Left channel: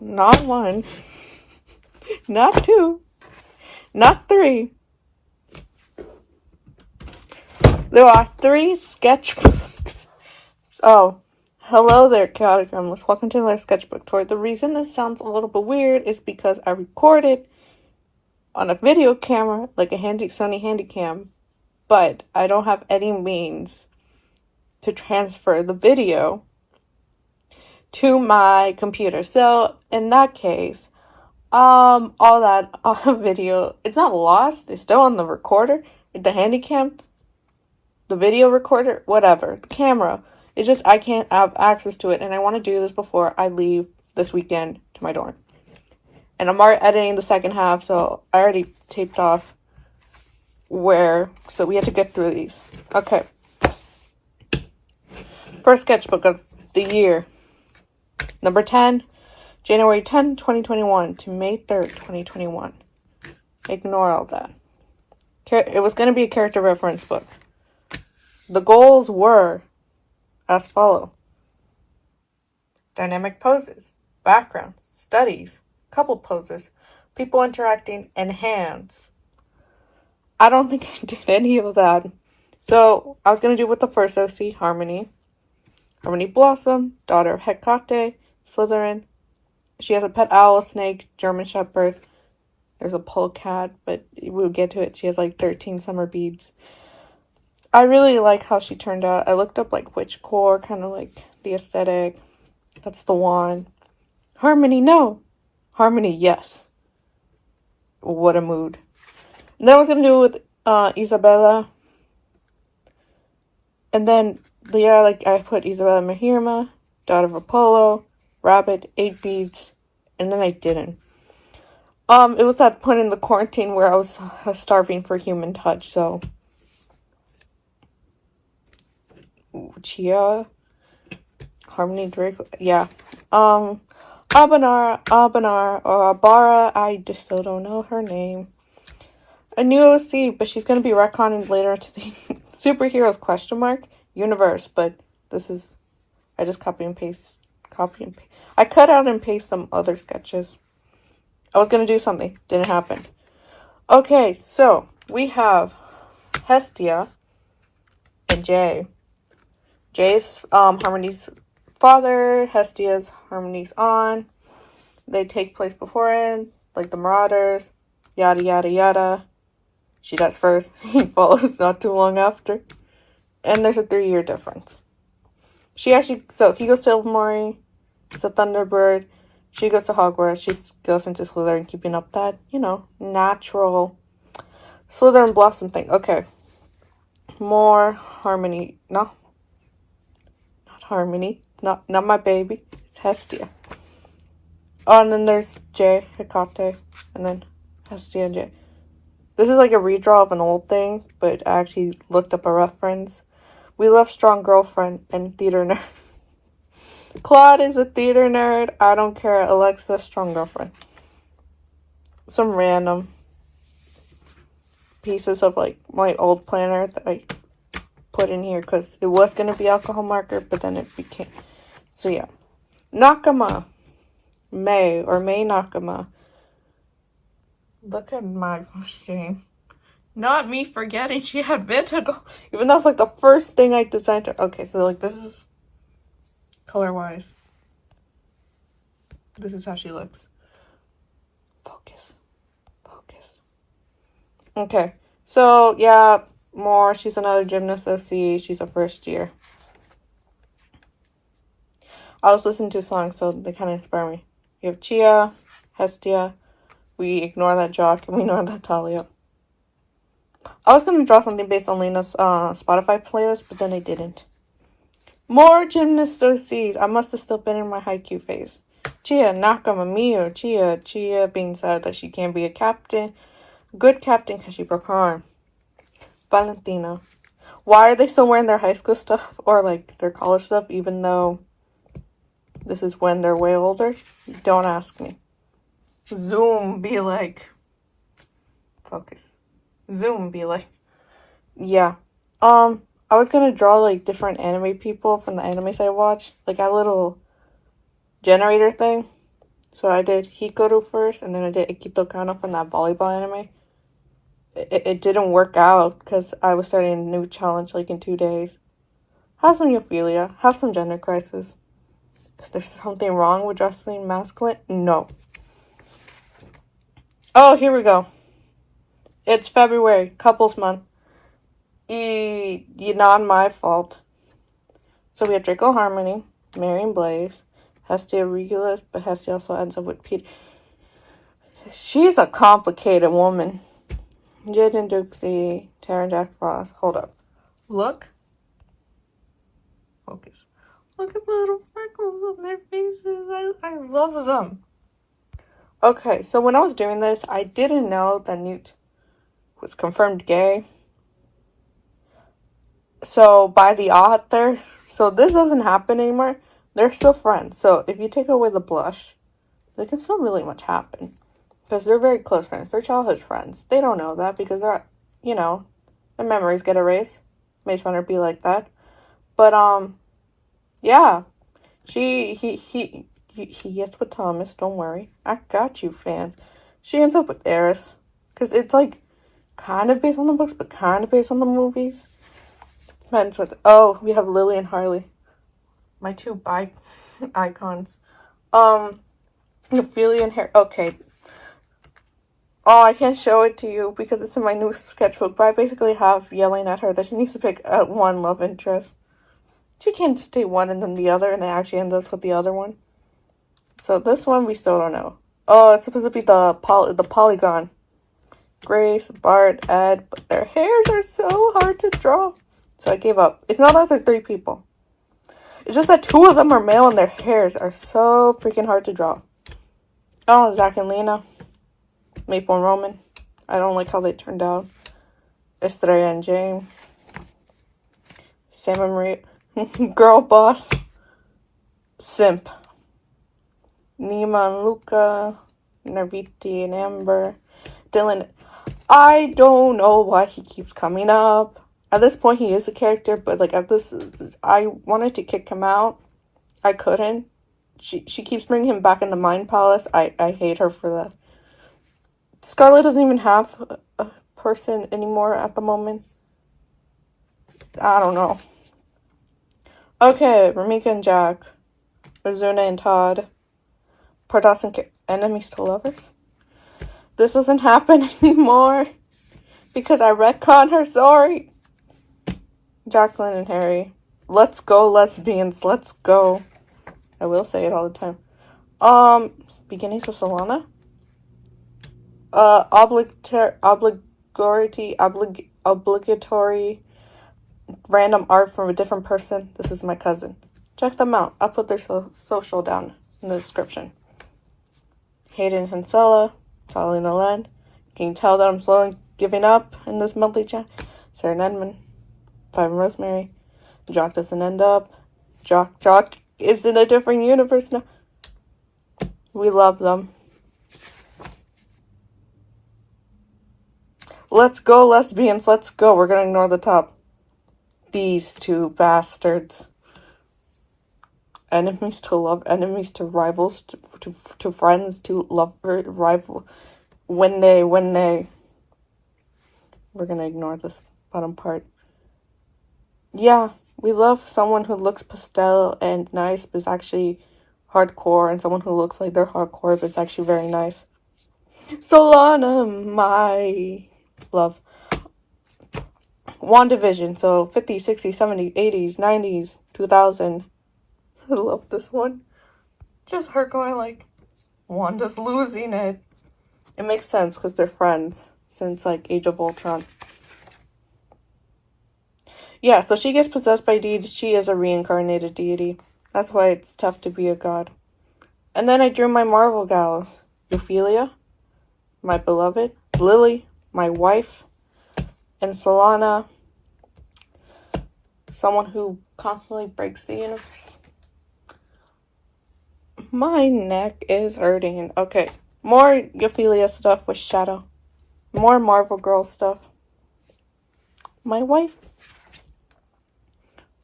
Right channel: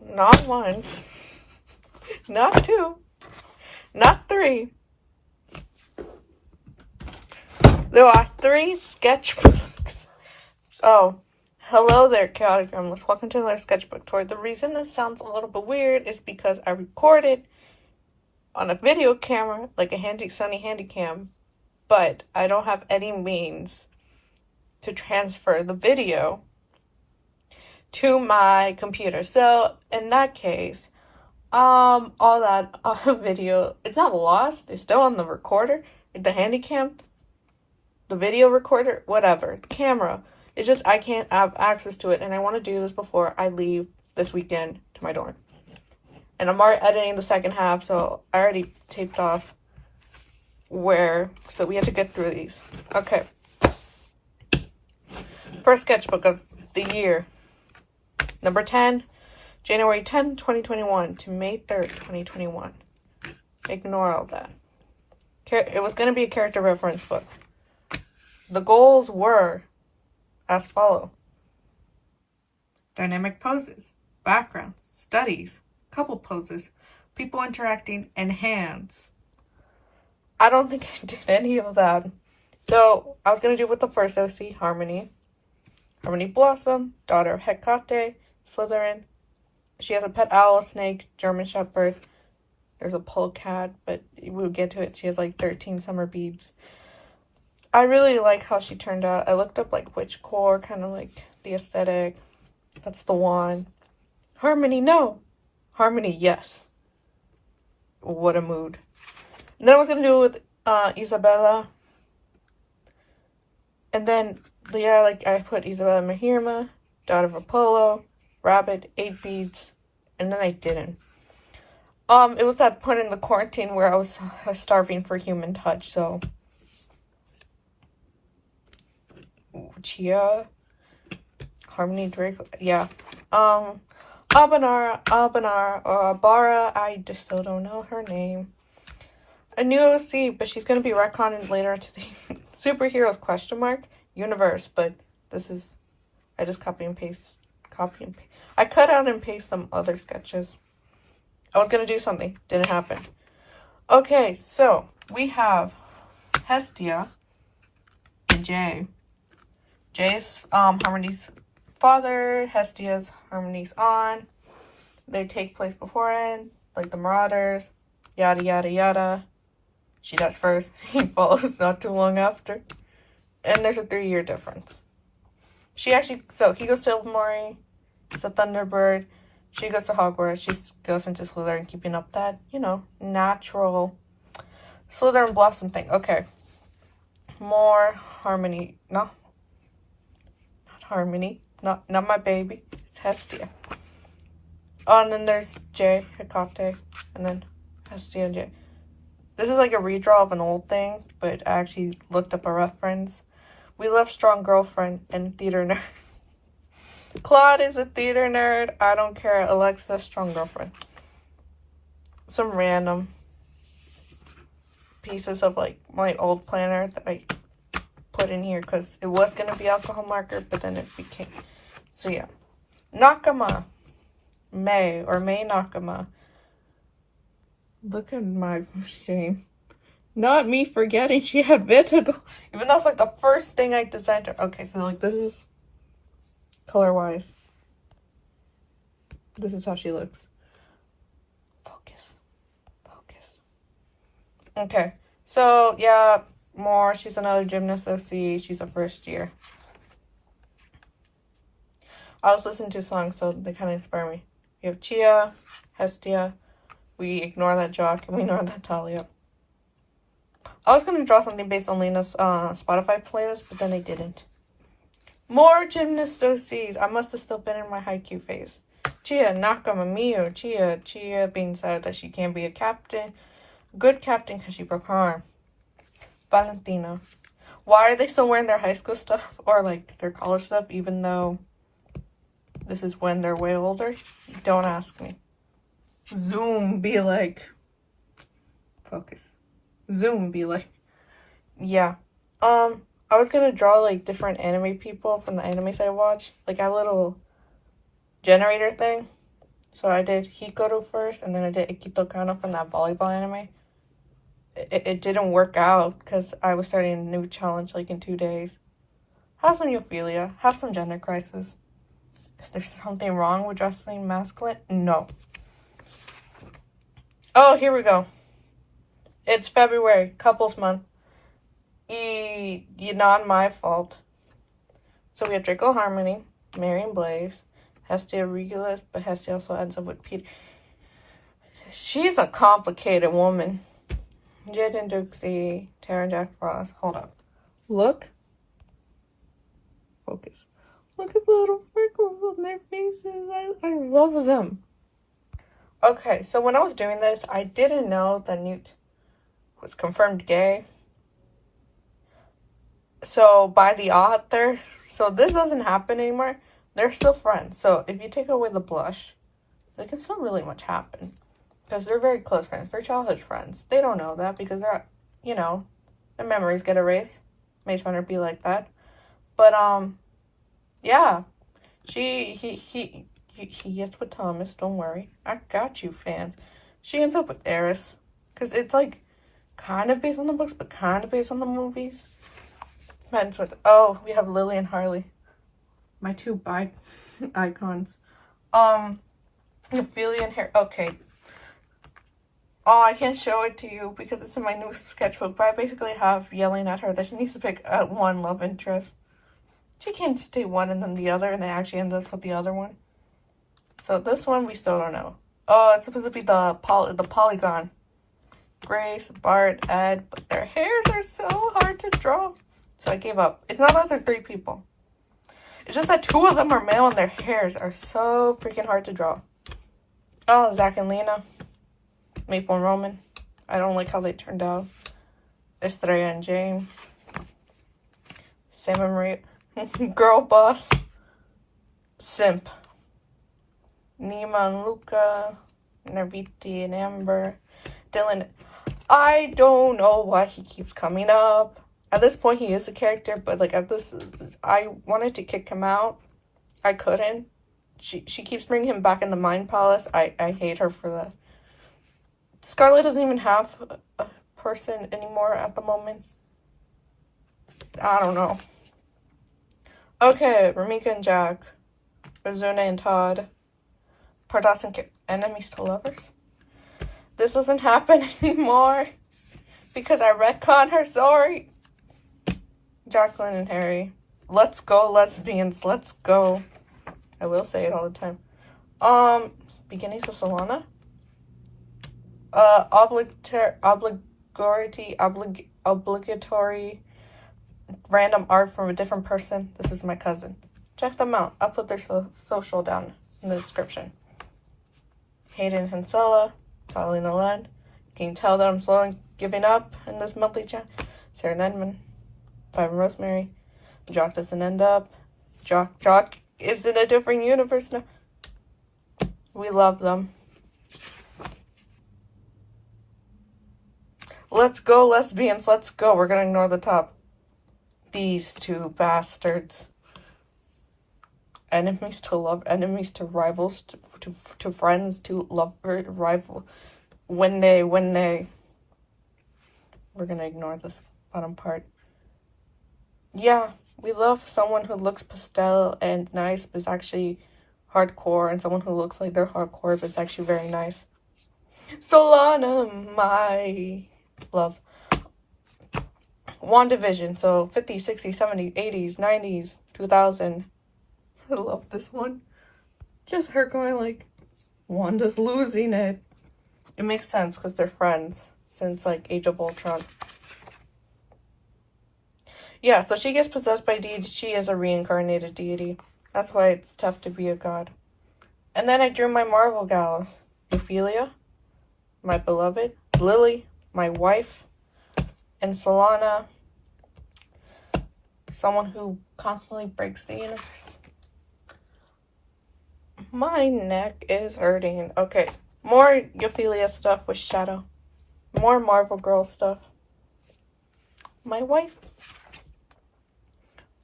No, not one. Not two. Not three. There are 3 sketchbooks. Oh, hello there, chaotic gremlins. Welcome to my sketchbook tour. The reason this sounds a little bit weird is because I recorded on a video camera, like a Sony Handycam, but I don't have any means to transfer the video to my computer. So in that case, all that video, it's not lost, it's still on the recorder, the Handycam, the video recorder, whatever, the camera. It's just I can't have access to it, and I want to do this before I leave this weekend to my dorm. And I'm already editing the second half, so I already taped off so we have to get through these. Okay. First sketchbook of the year. Number 10, January 10, 2021 to May 3rd, 2021. Ignore all that. It was going to be a character reference book. The goals were as follow: dynamic poses, backgrounds, studies, couple poses, people interacting, and hands. I don't think I did any of that. So I was going to do with the first OC, Harmony. Harmony Blossom, daughter of Hecate, Slytherin. She has a pet owl, snake, German Shepherd. There's a polecat, but we'll get to it. She has like 13 summer beads. I really like how she turned out. I looked up like witchcore, kind of like the aesthetic. That's the one. Harmony, no. Harmony, yes. What a mood. And I was going to do it with Isabella. And then, yeah, like I put Isabella Mahirma, daughter of Apollo, rabbit, 8 beads, and then I didn't. It was that point in the quarantine where I was starving for human touch, so. Chia, Harmony Draco, yeah. Abanar, or Abara, I just still don't know her name. A new OC, but she's going to be retconned later to the superheroes question mark universe, but this is, I just copy and paste. I cut out and paste some other sketches. I was going to do something, didn't happen. Okay, so we have Hestia and Jay. Jay's Harmony's father, Hestia's Harmony's aunt. They take place beforehand, like the Marauders, yada yada yada. She does first, he follows not too long after. And there's a 3-year difference. He goes to Ilvermorny, he's a Thunderbird. She goes to Hogwarts, she goes into Slytherin, keeping up that, natural Slytherin Blossom thing. Okay. More Harmony. No. Not Harmony. Not my baby. It's Hestia. Oh, and then there's Jay, Hecate, and then Hestia and Jay. This is like a redraw of an old thing, but I actually looked up a reference. We love strong girlfriend and theater nerd. Claude is a theater nerd. I don't care. Alexa, strong girlfriend. Some random pieces of like my old planner that I put in here because it was going to be alcohol marker, but then it became. So yeah. Nakama. May Nakama. Look at my machine. Not me forgetting she had vitiligo. Even though it's like the first thing I designed her. Okay, so like this is color wise. This is how she looks. Focus. Okay, so yeah, more. She's another gymnast OC. She's a first year. I was listening to songs, so they kind of inspire me. You have Chia, Hestia. We ignore that Jock and we ignore that Talia. I was going to draw something based on Lena's Spotify playlist, but then I didn't. More gymnast OCs. I must have still been in my haiku phase. Chia, Nakama, Mio, Chia being sad that she can't be a captain. Good captain because she broke her arm. Valentina. Why are they still wearing their high school stuff or like their college stuff even though this is when they're way older? Don't ask me. Zoom be like. Focus. Zoom be like. Yeah. I was gonna draw like different anime people from the animes I watch. Like a little generator thing. So I did Hikaru first, and then I did Ikito Kano from that volleyball anime. It didn't work out because I was starting a new challenge like in 2 days. Have some euphilia. Have some gender crisis. Is there something wrong with dressing masculine? No. Oh, here we go. It's February, couples month. Not my fault. So we have Draco Harmony, Marion Blaze, Hestia Regulus, but Hestia also ends up with Peter. She's a complicated woman. Jaden Duxie, Tara and Jack Frost. Hold up. Look. Focus. Look at the little freckles on their faces. I love them. Okay, so when I was doing this, I didn't know that Newt was confirmed gay. So by the author, so this doesn't happen anymore. They're still friends. So if you take away the blush, there can still really much happen. Because they're very close friends. They're childhood friends. They don't know that because they're, their memories get erased. Maze Runner be like that. But, yeah. He gets with Thomas. Don't worry. I got you, fan. She ends up with Eris. Because it's, like, kind of based on the books, but kind of based on the movies. Depends with, we have Lily and Harley. My two icons. Ophelia and Harry. Okay. Oh, I can't show it to you because it's in my new sketchbook, but I basically have yelling at her that she needs to pick one love interest. She can't just take one and then the other, and then actually end up with the other one. So this one, we still don't know. Oh, it's supposed to be the polygon. Grace, Bart, Ed, but their hairs are so hard to draw. So I gave up. It's not that they're 3 people. It's just that 2 of them are male and their hairs are so freaking hard to draw. Oh, Zach and Lena. Maple and Roman. I don't like how they turned out. Estrella and James. Sam and Maria. Girl boss. Simp. Nima and Luca. Narviti and Amber. Dylan. I don't know why he keeps coming up. At this point, he is a character, but like I wanted to kick him out. I couldn't. She keeps bringing him back in the Mind Palace. I hate her for that. Scarlet doesn't even have a person anymore at the moment. I don't know. Okay, Ramika and Jack. Ozuna and Todd. Pardas and enemies to lovers. This doesn't happen anymore. Because I retconned her story. Jacqueline and Harry. Let's go, lesbians. Let's go. I will say it all the time. Beginnings of Solana. Obligatory random art from a different person. This is my cousin. Check them out. I'll put their social down in the description. Hayden and Hansella. Tali and Alen. Can you tell that I'm slowly giving up in this monthly chat? Sarah and Edmund. Five and Rosemary. Jock doesn't end up. Jock is in a different universe now. We love them. Let's go, lesbians. Let's go. We're gonna ignore the top. These 2 bastards. Enemies to love, enemies to rivals, to friends, to lover, rival. When they. We're gonna ignore this bottom part. Yeah, we love someone who looks pastel and nice, but is actually hardcore, and someone who looks like they're hardcore, but is actually very nice. Solana, my love. WandaVision, so 50s, 60s, 70s, 80s, 90s, 2000. I love this one. Just her going like, Wanda's losing it. It makes sense because they're friends since like Age of Ultron. Yeah, so she gets possessed by deities. She is a reincarnated deity. That's why it's tough to be a god. And then I drew my Marvel gals. Ophelia, my beloved. Lily, my wife. And Solana, someone who constantly breaks the universe. My neck is hurting. Okay, more Ophelia stuff with Shadow. More Marvel Girl stuff. My wife.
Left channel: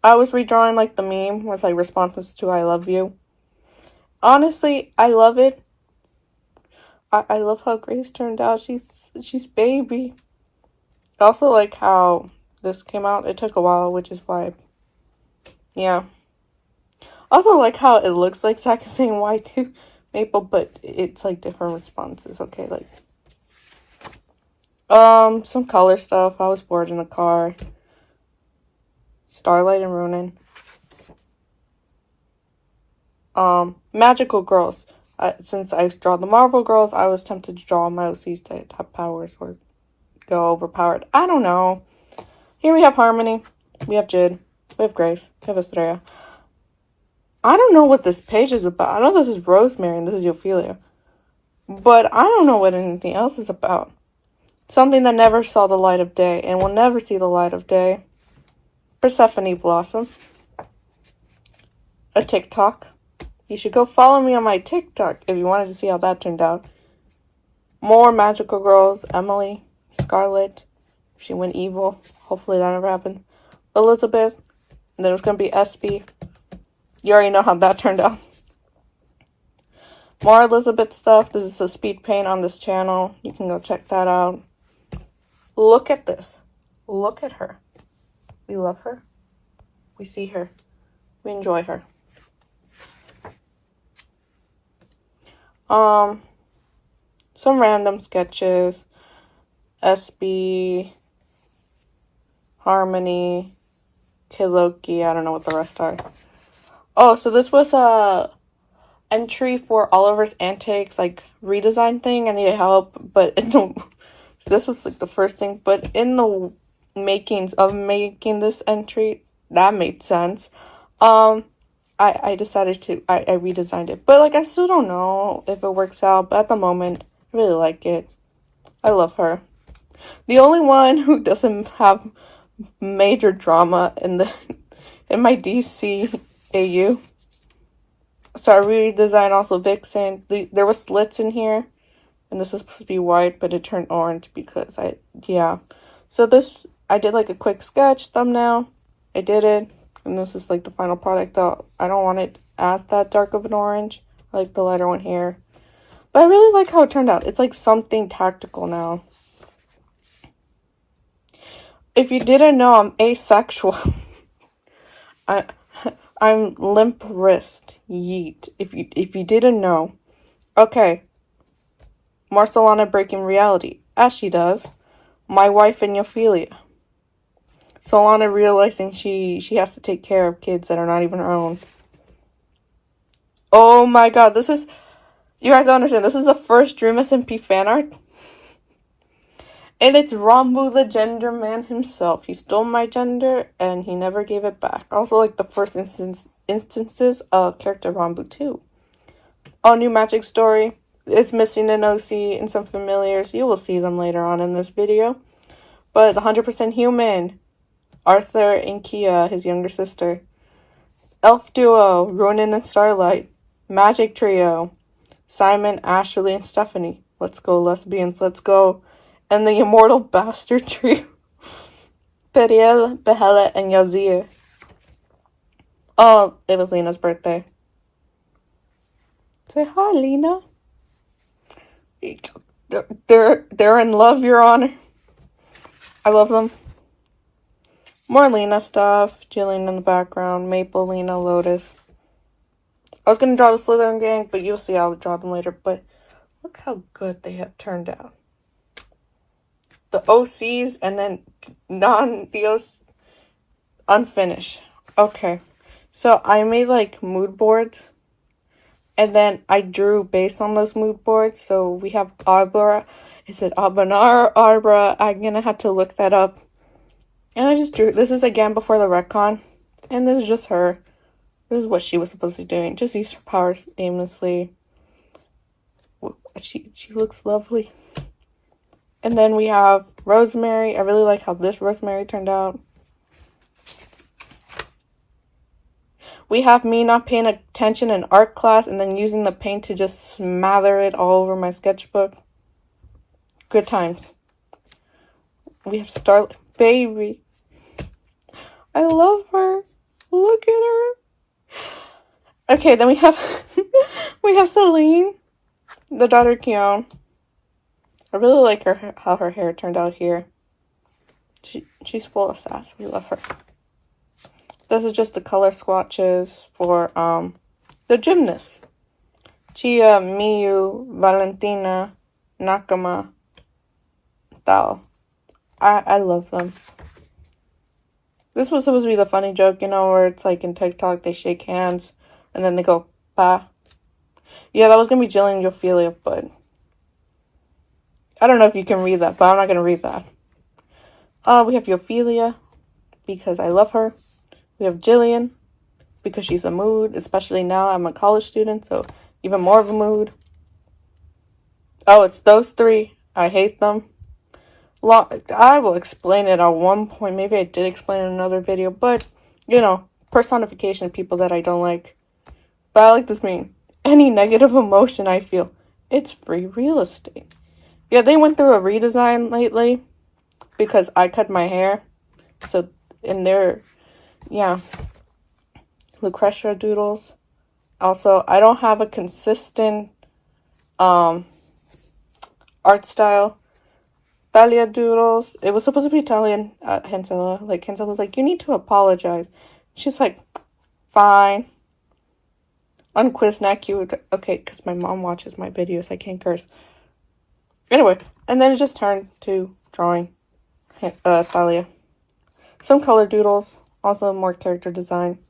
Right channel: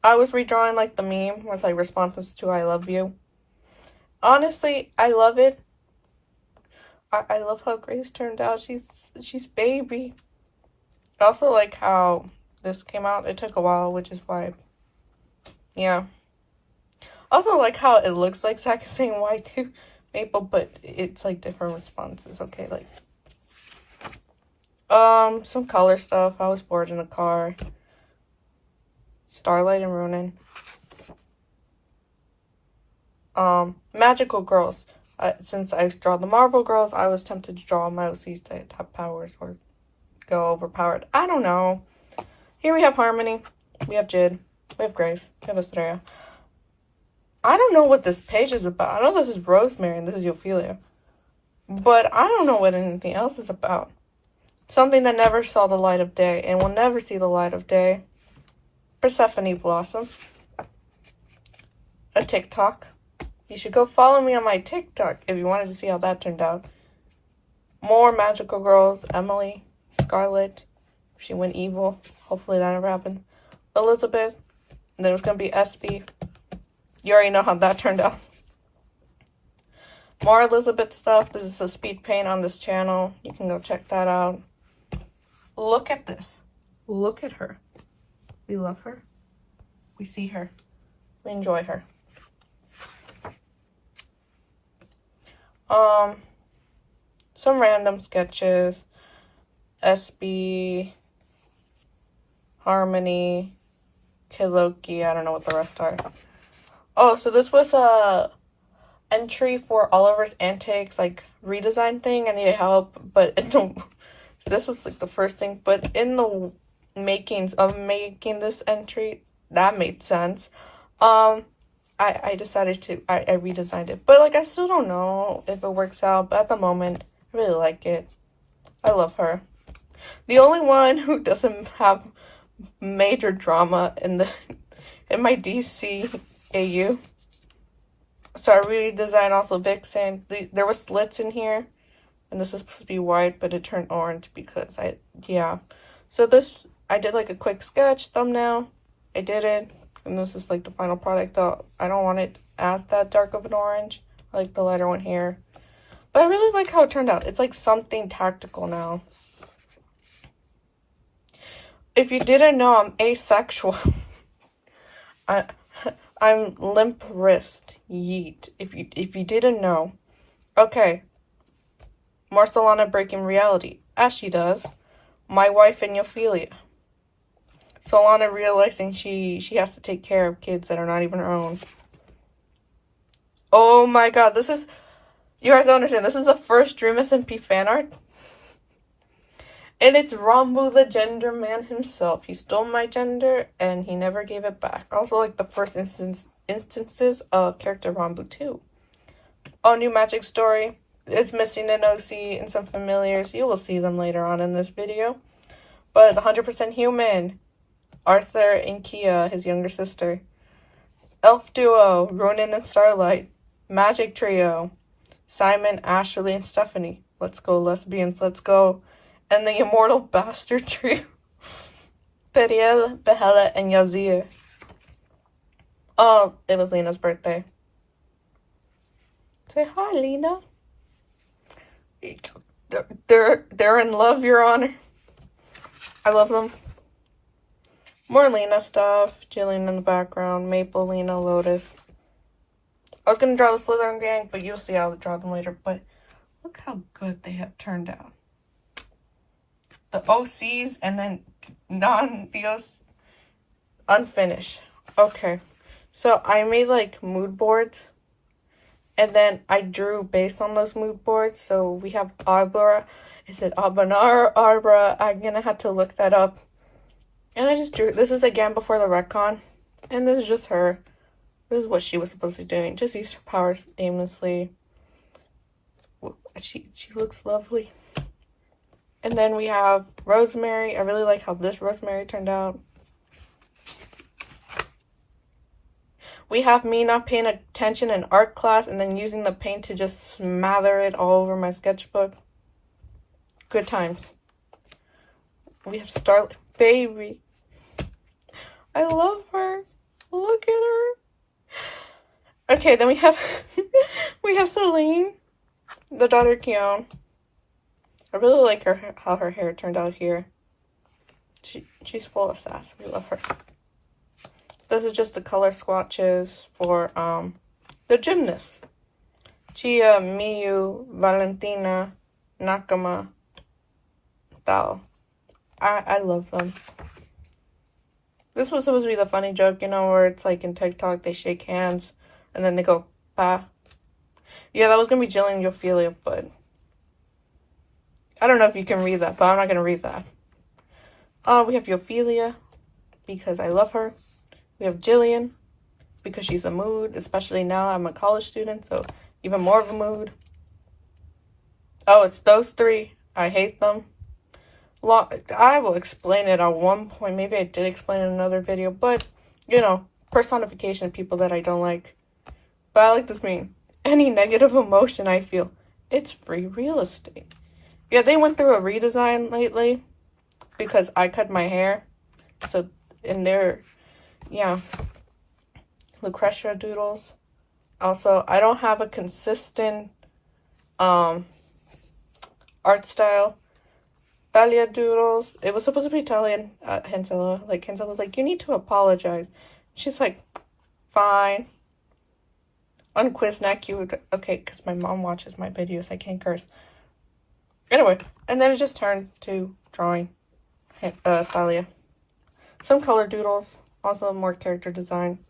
I was redrawing like the meme with like responses to I love you. Honestly, I love it, I love how Grace turned out. She's baby. I also like how this came out. It took a while, which is why, yeah. Also like how it looks like Zach is saying why to Maple, but it's like different responses. Okay, like some color stuff. I was bored in a car. Starlight and Ronan. Magical girls. Since I draw the Marvel girls, I was tempted to draw my OCs that have powers or go overpowered. I don't know. Here we have Harmony. We have Jid. We have Grace. We have Estrella. I don't know what this page is about. I know this is Rosemary and this is Ophelia. But I don't know what anything else is about. Something that never saw the light of day and will never see the light of day. Persephone Blossom. A TikTok. You should go follow me on my TikTok if you wanted to see how that turned out. More magical girls. Emily. Scarlet. She went evil. Hopefully that never happened. Elizabeth. And then it was going to be SB. You already know how that turned out. More Elizabeth stuff. This is a speed paint on this channel. You can go check that out. Look at this. Look at her. We love her. We see her. We enjoy her. Some random sketches. SB. Harmony. Kiloki. I don't know what the rest are. Oh, so this was a entry for Oliver's Antics, like, redesign thing. I needed help, but this was, like, the first thing. But in the makings of making this entry, that made sense. I decided to, I redesigned it. But, like, I still don't know if it works out. But at the moment, I really like it. I love her. The only one who doesn't have major drama in my DC AU. So I redesigned also Vixen. There was slits in here. And this is supposed to be white, but it turned orange because yeah. So this, I did like a quick sketch thumbnail. I did it. And this is like the final product, though. I don't want it as that dark of an orange. I like the lighter one here. But I really like how it turned out. It's like something tactical now. If you didn't know, I'm asexual. I'm limp wrist. Yeet. If you didn't know. Okay. Marcelana breaking reality. As she does. My wife and Ophelia. Solana realizing she has to take care of kids that are not even her own. Oh my god, this is... You guys don't understand. This is the first Dream SMP fan art. And it's Rambu, the gender man himself. He stole my gender, and he never gave it back. Also, like, the first instances of character Rambu, too. All new magic story. It's missing an OC and some familiars. You will see them later on in this video. But the 100% human. Arthur and Kia, his younger sister. Elf duo, Ronan and Starlight. Magic trio. Simon, Ashley, and Stephanie. Let's go, lesbians, let's go. And the immortal bastard trio. Periel, Behela, and Yazir. Oh, it was Lena's birthday. Say hi, Lena. They're in love, Your Honor. I love them. More Lena stuff. Jillian in the background. Maple, Lena, Lotus. I was gonna draw the Slytherin gang, but you'll see I'll draw them later. But look how good they have turned out. The OCs and then non-DOs unfinished. Okay. So I made like mood boards. And then I drew based on those mood boards. So we have Arbra. Is it Abanar, Arbra? I'm gonna have to look that up. And I just drew. This is again before the retcon. And this is just her. This is what she was supposed to be doing. Just use her powers aimlessly. She looks lovely. And then we have Rosemary. I really like how this Rosemary turned out. We have me not paying attention in art class and then using the paint to just smother it all over my sketchbook. Good times. We have Starlight. Baby. I love her. Look at her. Okay, then we have we have Celine, the daughter Keon. I really like how her hair turned out here. She's full of sass. We love her. This is just the color swatches for the gymnasts. Chia, Miyu, Valentina, Nakama, Tao. I love them. This was supposed to be the funny joke, you know, where it's like in TikTok they shake hands and then they go pa. Yeah, that was gonna be Jillian and Ophelia, but I don't know if you can read that, but I'm not gonna read that. We have Ophelia because I love her. We have Jillian because she's a mood, especially now I'm a college student, so even more of a mood. Oh, it's those three. I hate them. I will explain it at one point. Maybe I did explain in another video, but, you know, personification of people that I don't like. But I like this meme. Any negative emotion I feel, it's free real estate. Yeah, they went through a redesign lately because I cut my hair. So, in their, yeah, Lucretia doodles. Also, I don't have a consistent art style. Talia doodles. It was supposed to be Italian, Hansela. Like, Hansela's like, you need to apologize. She's like, fine. On Quiznak, you would, okay, because my mom watches my videos, I can't curse. Anyway, and then it just turned to drawing Thalia. Some color doodles, also more character design.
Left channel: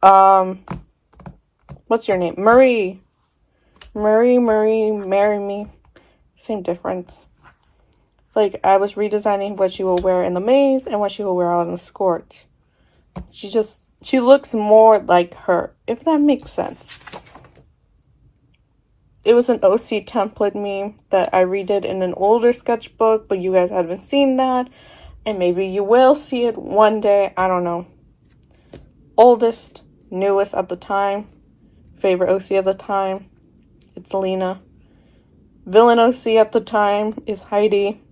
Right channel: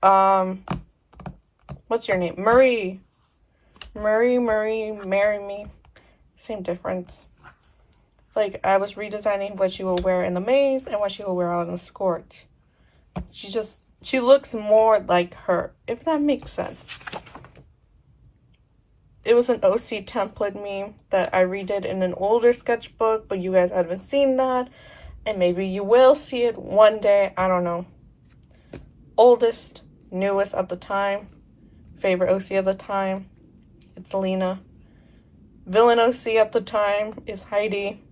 What's your name? Marie, marry me. Same difference. Like, I was redesigning what she will wear in the maze and what she will wear out in the scorch. She looks more like her, if that makes sense. It was an OC template meme that I redid in an older sketchbook, but you guys haven't seen that. And maybe you will see it one day, I don't know. Oldest, newest at the time, favorite OC at the time, it's Lena. Villain OC at the time is Heidi.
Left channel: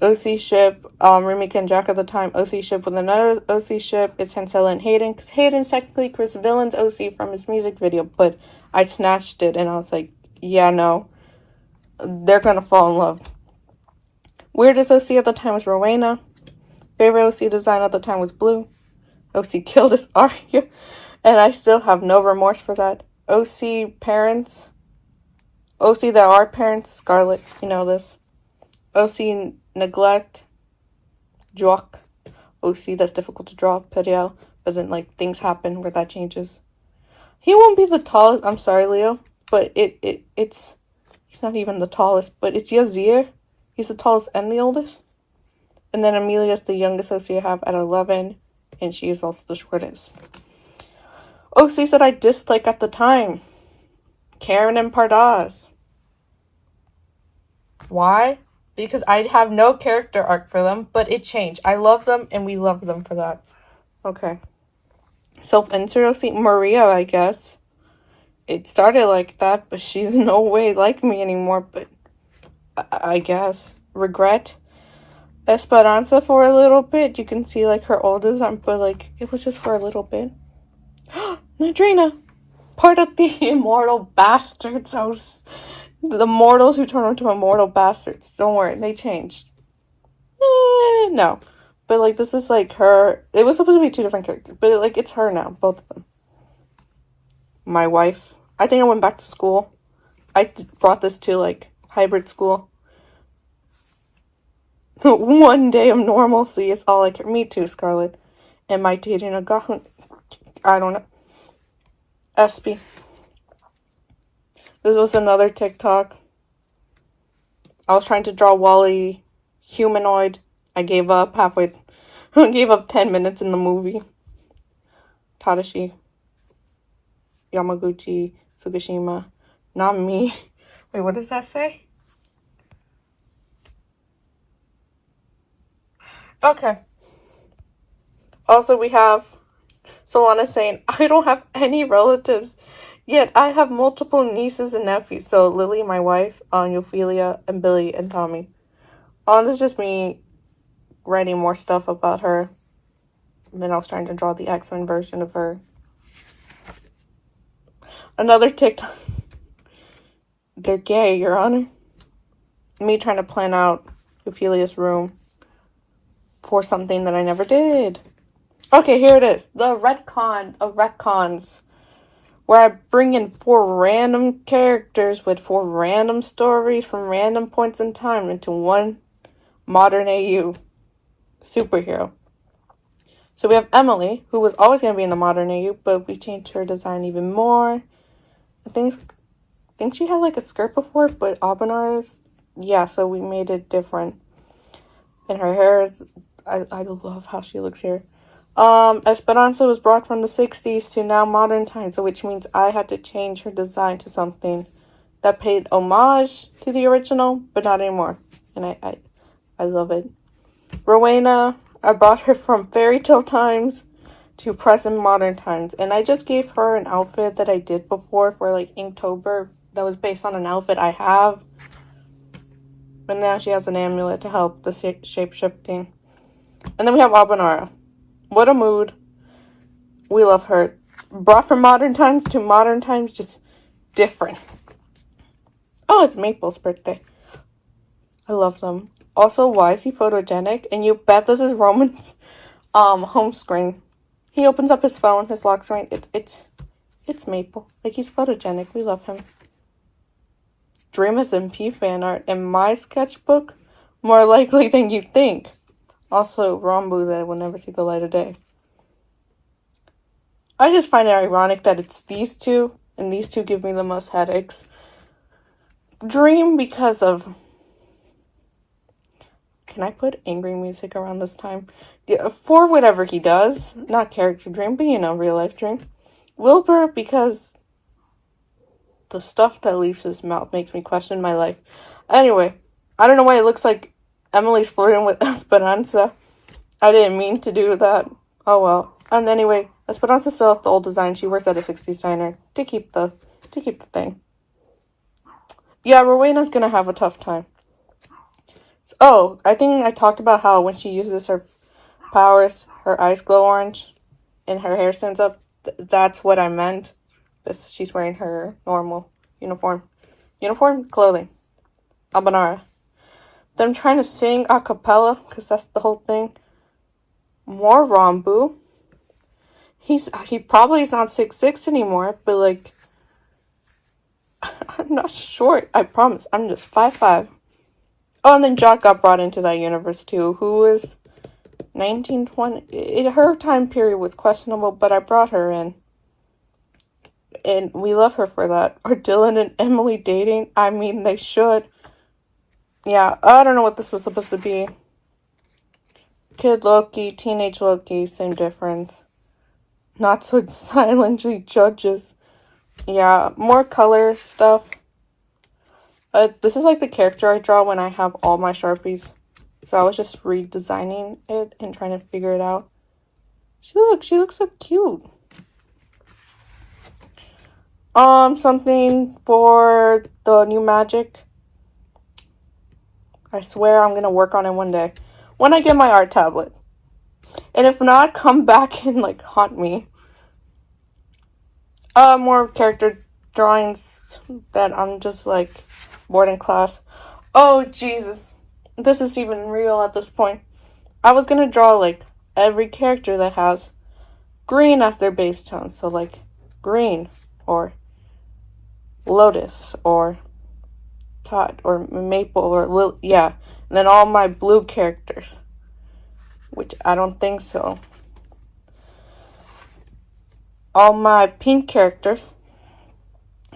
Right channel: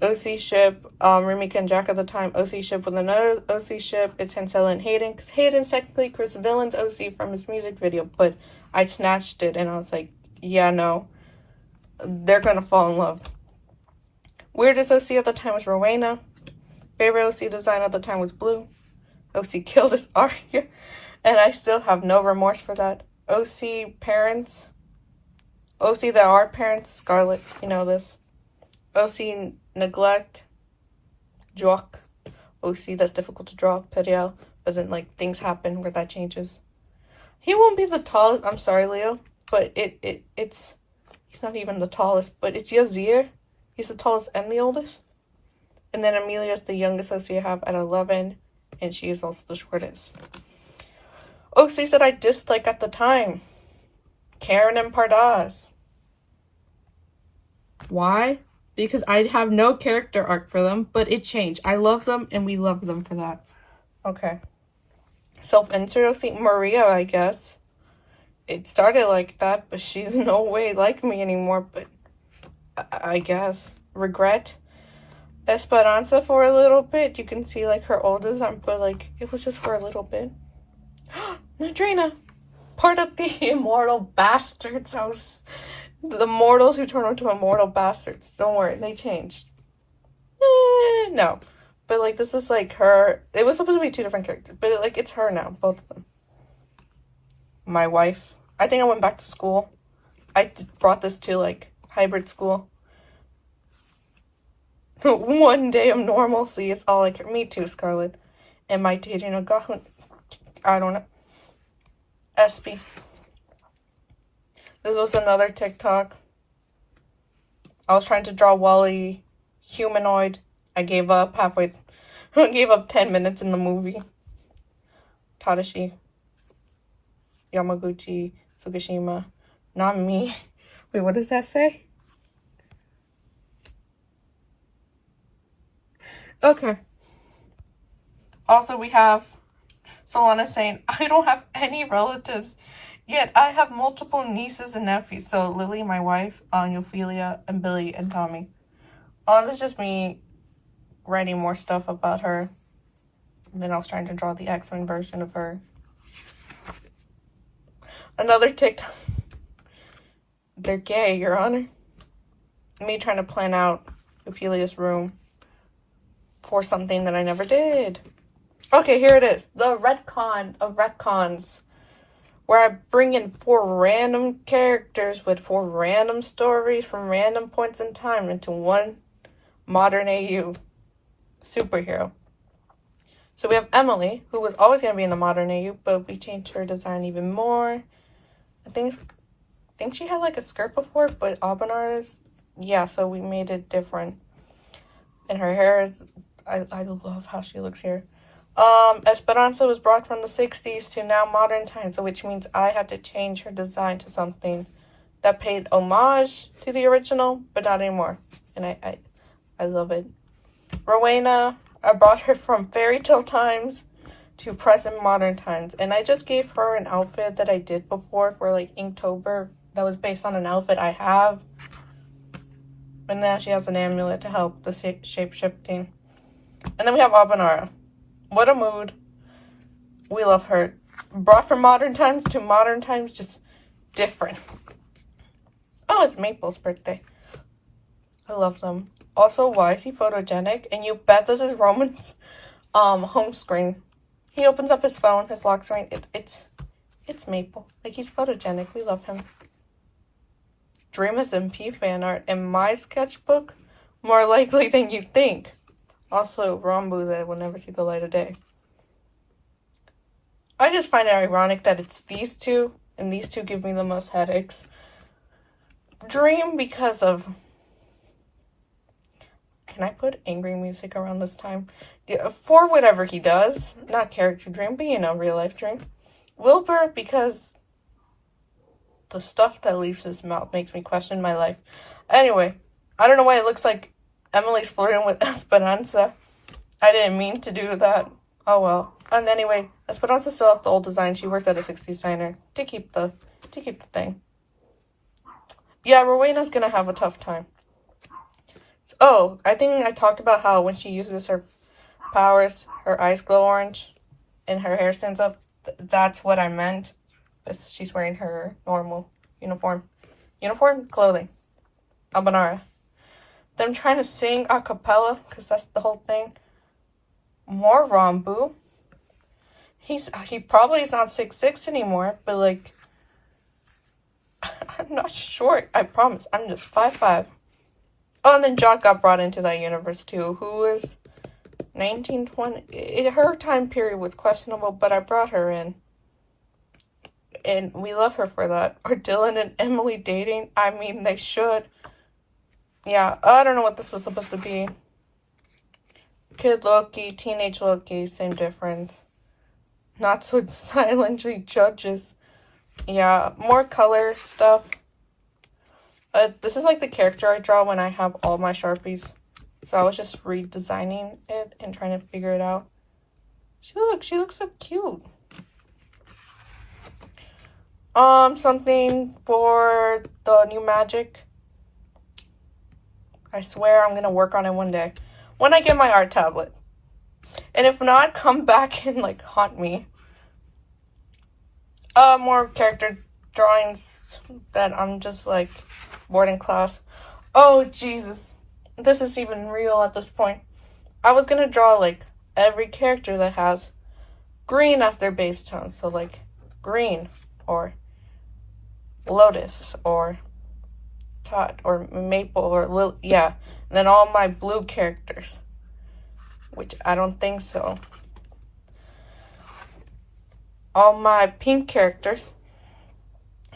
OC ship, Remika and Jack at the time. OC ship with another OC ship, it's Hansela and Hayden. Because Hayden's technically Chris Villain's OC from his music video. But I snatched it and I was like, yeah, no. They're gonna fall in love. Weirdest OC at the time was Rowena. Favorite OC design at the time was Blue. OC killed his Arya. And I still have no remorse for that. OC parents. OC that are parents. Scarlet, you know this. OC neglect, Jock. OC that's difficult to draw, Periel. But then, like, things happen where that changes. He won't be the tallest, I'm sorry, Leo, but it's, he's not even the tallest, but it's Yazir. He's the tallest and the oldest. And then Amelia's the youngest OC I have at 11, and she is also the shortest. OCs that I disliked at the time. Karen and Pardas. Why? Because I have no character arc for them, but it changed. I love them, and we love them for that. Okay. Self-insert OC, Maria, I guess. It started like that, but she's no way like me anymore, but I guess. Regret. Esperanza for a little bit. You can see, like, her old design, but, like, it was just for a little bit. Nadrina. Part of the immortal bastards. The mortals who turn into immortal bastards. Don't worry, they changed. No. But, like, this is, like, her. It was supposed to be two different characters. But, like, it's her now. Both of them. My wife. I think I went back to school. I brought this to, like, hybrid school. One day of normalcy is all I care. Me too, Scarlet. Am I dating a guy? I don't know. Espy. This was another TikTok. I was trying to draw Wally humanoid. I gave up halfway. I gave up 10 minutes in the movie. Tadashi. Yamaguchi. Tsukishima. Not me. Wait, what does that say? Okay. Also, we have Solana saying, I don't have any relatives. Yet I have multiple nieces and nephews. So Lily, my wife, Ophelia, and Billy and Tommy. This is just me writing more stuff about her. And then I was trying to draw the X-Men version of her. Another TikTok. They're gay, Your Honor. me trying to plan out Ophelia's room for something that I never did. Okay, here it is. The retcon of retcons. Where I bring in 4 random characters with 4 random stories from random points in time into one modern AU superhero. So we have Emily, who was always going to be in the modern AU, but we changed her design even more. I think she had like a skirt before, but Abanara's, yeah, so we made it different. And her hair is, I love how she looks here. Esperanza was brought from the 60s to now modern times, so which means I had to change her design to something that paid homage to the original, but not anymore. And I love it. Rowena, I brought her from fairy tale times to present modern times, and I just gave her an outfit that I did before for like Inktober that was based on an outfit I have. And now she has an amulet to help the shape-shifting. And then we have Abanara. What a mood. We love her. Brought from modern times to modern times, just different. Oh, it's Maple's birthday. I love them. Also, why is he photogenic? And you bet this is Roman's home screen. He opens up his phone, his lock screen. It's Maple. Like, he's photogenic. We love him. Dream is MP fan art in my sketchbook. More likely than you think. Also, Rambu that will never see the light of day. I just find it ironic that it's these two, and these two give me the most headaches. Dream because of... Can I put angry music around this time? Yeah, for whatever he does. Not character Dream, but you know, real life Dream. Wilbur because the stuff that leaves his mouth makes me question my life. Anyway, I don't know why it looks like Emily's flirting with Esperanza. I didn't mean to do that. Oh well. And anyway, Esperanza still has the old design. She works at a 60s diner to keep the thing. Yeah, Rowena's gonna have a tough time. Oh, I think I talked about how when she uses her powers, her eyes glow orange and her hair stands up. That's what I meant. She's wearing her normal uniform clothing. Abanara. Them trying to sing a cappella, because that's the whole thing. More Rambu. He probably is not 6'6" anymore, but like, I'm not short, I promise. I'm just 5'5". Oh, and then Jot got brought into that universe too, who was 1920. Her time period was questionable, but I brought her in. And we love her for that. Are Dylan and Emily dating? I mean, they should. Yeah, I don't know what this was supposed to be. Kid Loki, teenage Loki, same difference. Not so silently judges. Yeah, more color stuff. This is like the character I draw when I have all my Sharpies. So I was just redesigning it and trying to figure it out. She looks so cute. Something for the new magic. I swear I'm gonna work on it one day. When I get my art tablet. And if not, come back and like haunt me. More character drawings that I'm just like bored in class. Oh Jesus. This is even real at this point. I was gonna draw like every character that has green as their base tone. So like green or Lotus or Todd or Maple or yeah. And then all my blue characters. Which I don't think so. All my pink characters.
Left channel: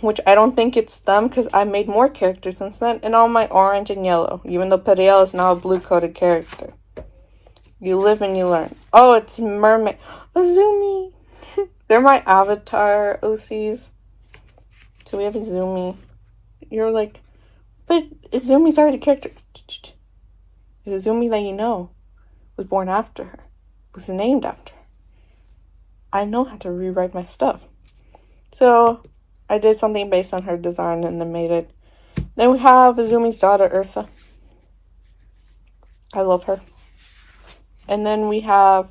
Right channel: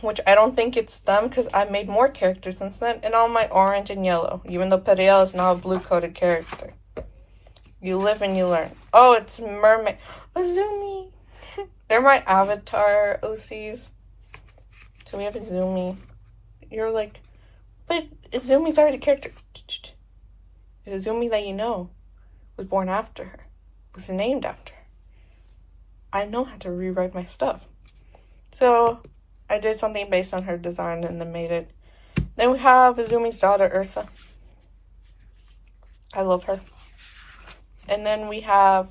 Which I don't think it's them because I made more characters since then. And all my orange and yellow. Even though Periel is now a blue-coded character. You live and you learn. Oh, it's Mermaid. Azumi. They're my avatar OCs. So we have Azumi. You're like, but Azumi's already a character. Azumi that you know was born after her. Was named after her. I know how to rewrite my stuff. So I did something based on her design and then made it. Then we have Azumi's daughter, Ursa. I love her. And then we have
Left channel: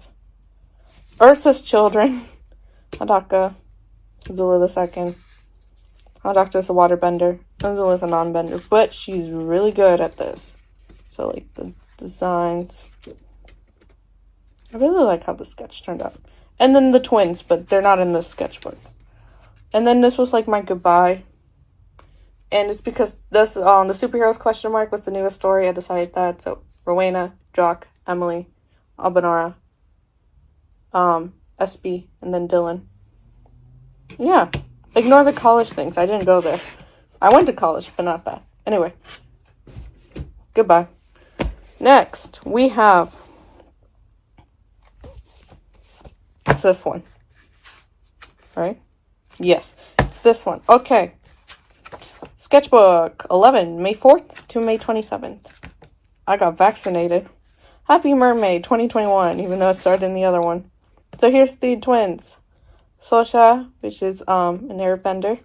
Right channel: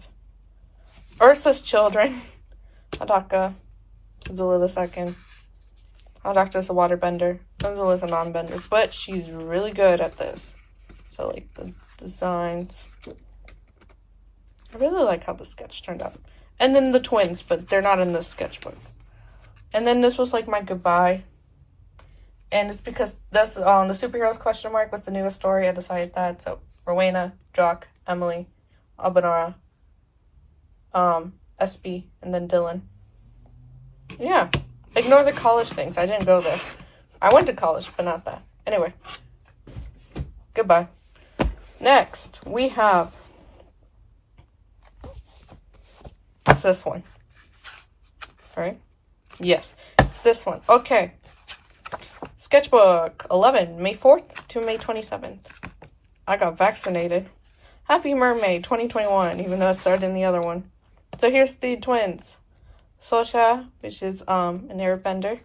Ursa's children, Hadaka, Zula II, Our doctor's a waterbender. Angela's a non-bender, but she's really good at this. So, like, the designs. I really like how the sketch turned out. And then the twins, but they're not in this sketchbook. And then this was, like, my goodbye. And it's because this, the superheroes question mark was the newest story. I decided that. So, Rowena, Jock, Emily, Albanara, SB, and then Dylan. Yeah. Ignore the college things. I didn't go there. I went to college, but not that. Anyway. Goodbye. Next, we have this one. Right? Yes. It's this one. Okay. Sketchbook 11, May 4th to May 27th. I got vaccinated. Happy Mermaid 2021, even though it started in the other one. So here's the twins. Sosha, which is an airbender,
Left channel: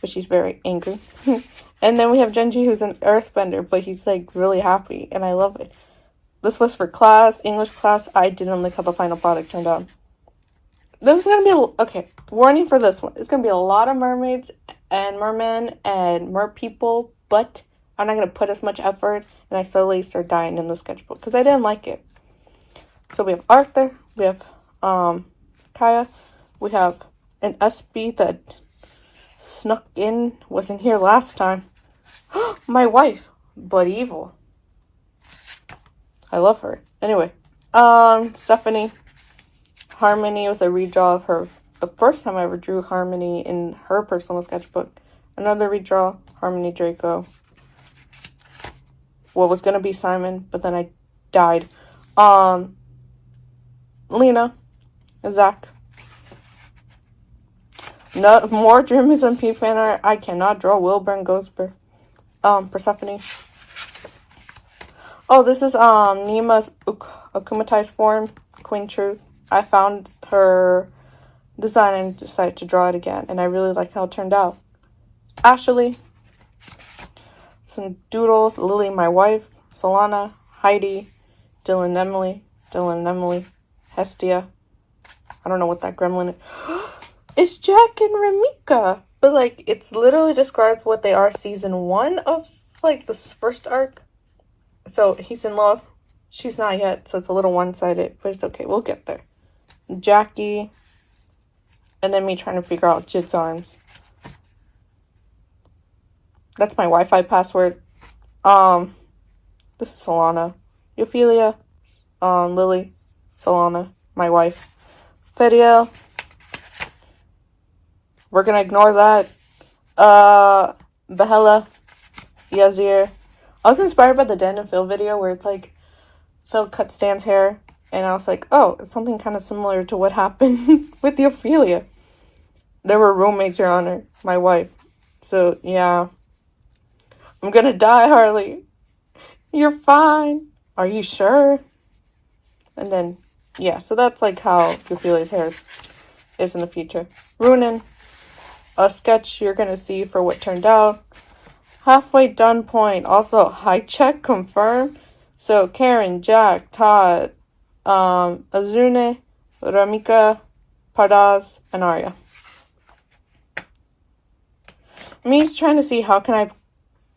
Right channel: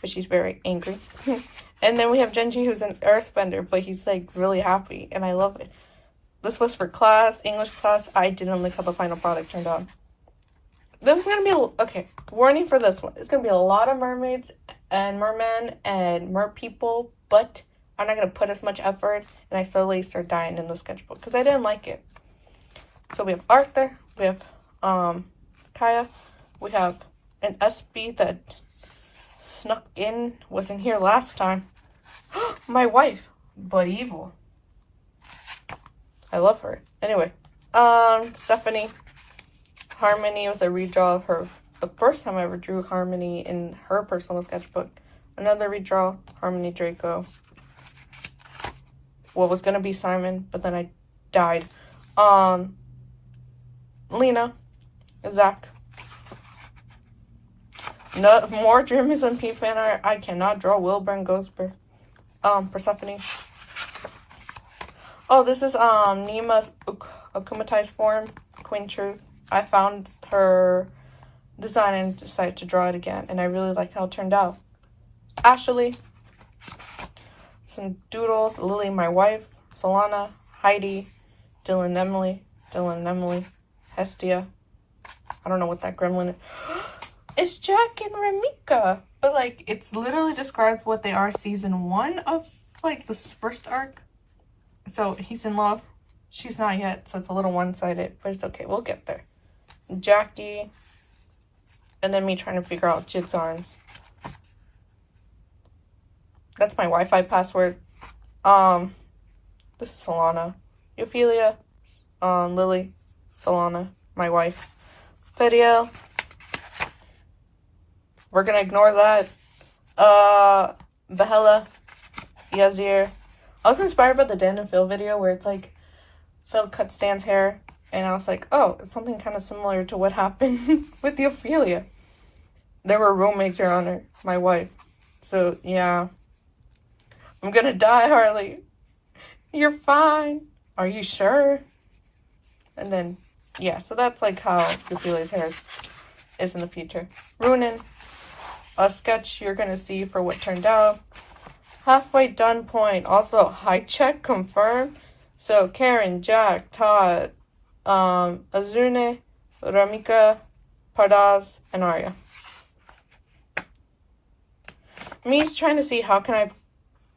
but she's very angry. And then we have Genji, who's an earthbender, but he's like really happy, and I love it. This was for class, English class. I didn't like how the final product turned out. There's gonna be okay. Warning for this one. It's gonna be a lot of mermaids and mermen and mer people, but I'm not gonna put as much effort, and I slowly start dying in the sketchbook because I didn't like it. So we have Arthur, we have Kaya, we have an SB that snuck in, wasn't here last time. My wife, but evil. I love her. Anyway, Stephanie. Harmony was a redraw of her. The first time I ever drew Harmony in her personal sketchbook. Another redraw, Harmony Draco. What was gonna be Simon, but then I died. Lena, Zach. No more Dreamies and P fan art. I cannot draw Wilbur and Ghostbur. Persephone. Oh, this is Nima's akumatized form, Queen Truth. I found her design and decided to draw it again, and I really like how it turned out. Ashley, some doodles, Lily, my wife, Solana, Heidi, Dylan, Emily, Hestia. I don't know what that gremlin is. It's Jack and Ramika, but like it's literally described what they are season 1 of like the first arc. So he's in love. She's not yet, so it's a little one-sided, but it's okay. We'll get there. Jackie, and then me trying to figure out Jid's arms. That's my Wi-Fi password. This is Solana. Ophelia, Lily, Solana, my wife. Feriel. We're gonna ignore that. Behela, Yazir. I was inspired by the Dan and Phil video where it's like Phil cut Stan's hair, and I was like, oh, it's something kind of similar to what happened with the Ophelia. There were roommates, Your Honor, my wife. So, yeah. I'm gonna die, Harley. You're fine. Are you sure? And then, yeah, so that's like how Ophelia's hair is in the future. Runin, a sketch you're gonna see for what turned out. Halfway done point. Also, high check confirmed. So, Karen, Jack, Todd, Azune, Ramika, Pardaz, and Arya. Me's trying to see how can I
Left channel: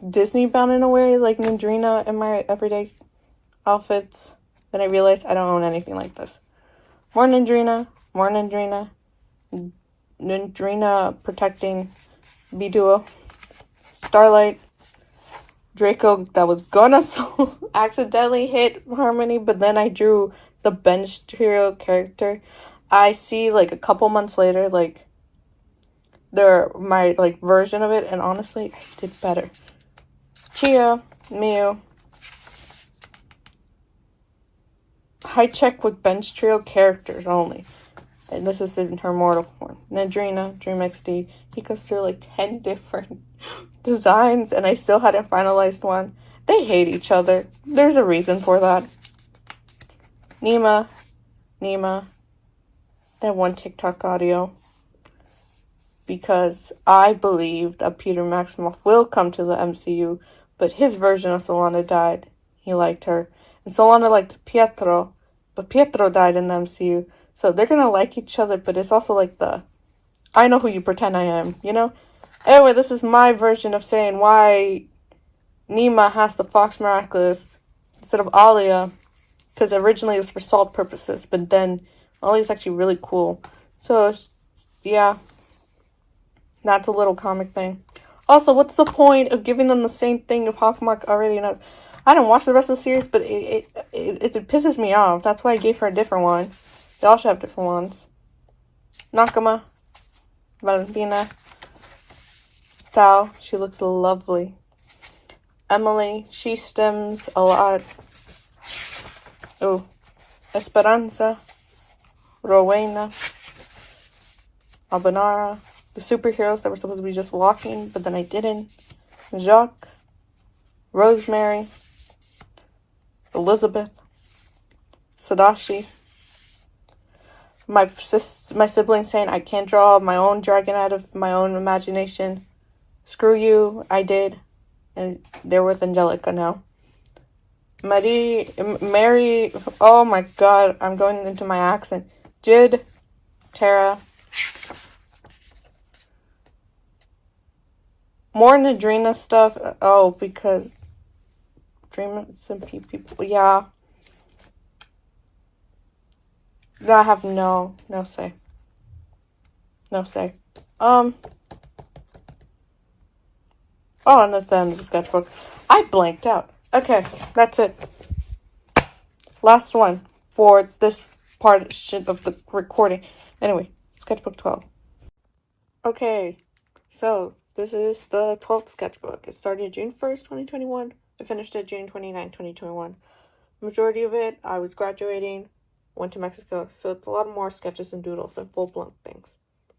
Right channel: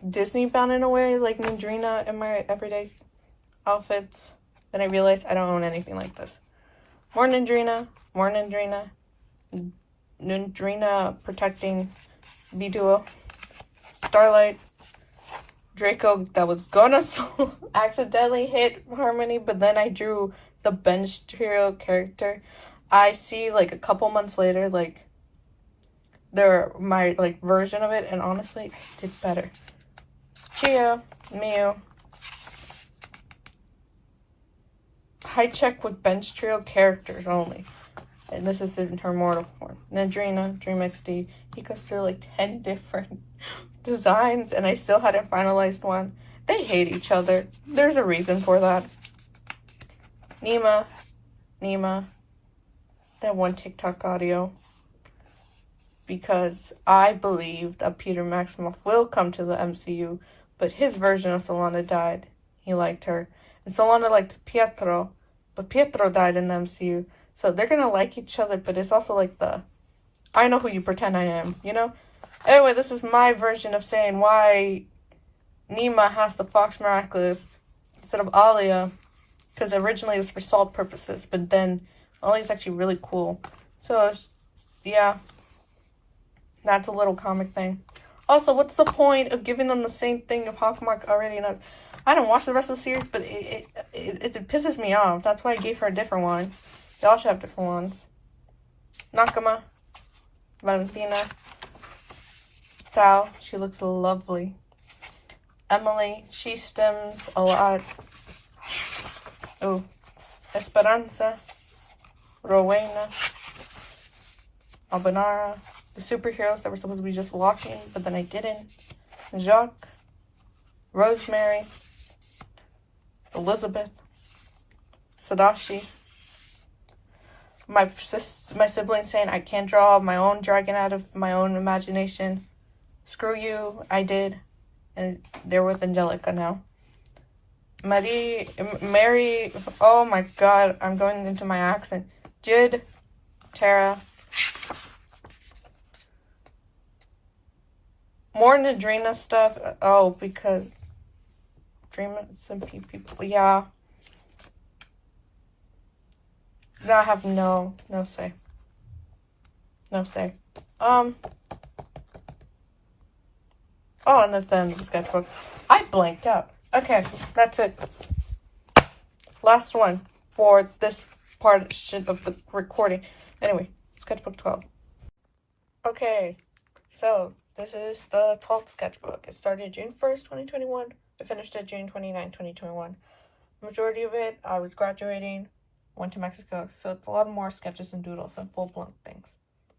Disney bound in a way, like Nandrina in my everyday outfits. Then I realized I don't own anything like this. More Nandrina. Nandrina protecting B-Duo. Starlight. Draco that was gonna accidentally hit Harmony, but then I drew the bench trio character. I see like a couple months later, like my like version of it, and honestly did better. Chia, Miu. High check with bench trio characters only. And this is in her mortal form. Nadrina, Dream XD. He goes through like 10 different designs, and I still hadn't finalized one. They hate each other. There's a reason for that. Nima. That one TikTok audio. Because I believe that Peter Maximoff will come to the MCU, but his version of Solana died. He liked her. And Solana liked Pietro, but Pietro died in the MCU. So they're gonna like each other, but it's also like the I know who you pretend I am, you know? Anyway, this is my version of saying why Nima has the Fox Miraculous instead of Alia. Because originally it was for salt purposes, but then Alia's actually really cool. So, yeah. That's a little comic thing. Also, what's the point of giving them the same thing if Hawkmark already knows? I didn't watch the rest of the series, but it pisses me off. That's why I gave her a different one. They all should have different ones. Nakama, Valentina, Tao, she looks lovely. Emily, she stems a lot. Oh, Esperanza, Rowena, Abanara, the superheroes that were supposed to be just walking, but then I didn't. Jacques, Rosemary, Elizabeth, Sadashi. My sibling saying I can't draw my own dragon out of my own imagination. Screw you, I did. And they're with Angelica now. Mary, oh my god, I'm going into my accent. Jid, Tara. More Nadrina stuff. Oh, because Dream some people. Yeah. I have no say. No say. Oh, and that's the end of the sketchbook. I blanked out. Okay, that's it. Last one for this part of the recording. Anyway, sketchbook 12. Okay, so this is the 12th sketchbook. It started June 1st, 2021. I finished it June 29th, 2021. Majority of it, I was graduating, went to Mexico, so it's a lot more sketches and doodles than full-blown things.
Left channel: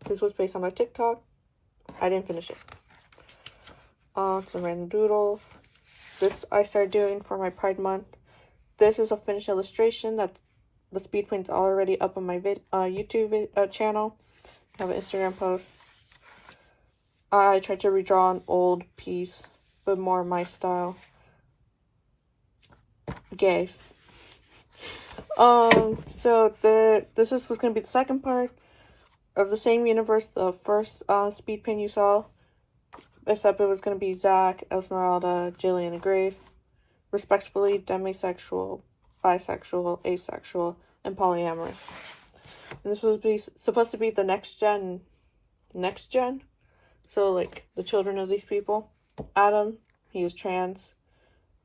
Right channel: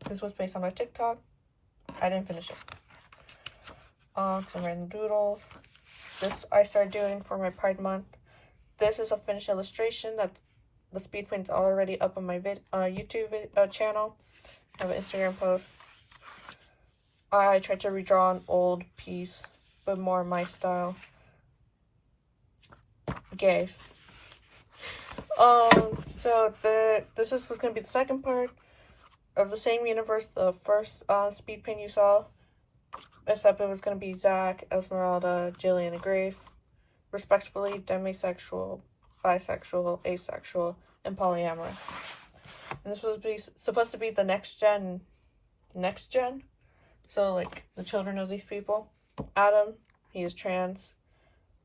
This was based on a TikTok. I didn't finish it. Some random doodles. This I started doing for my Pride Month. This is a finished illustration. That's the speed paint's already up on my YouTube channel. I have an Instagram post. I tried to redraw an old piece, but more my style. Gays. So this was gonna be the second part of the same universe, the first speed paint you saw, except it was gonna be Zach, Esmeralda, Jillian, and Grace, respectively demisexual, bisexual, asexual, and polyamorous. And this was supposed to be the next gen, so like the children of these people. Adam, he is trans.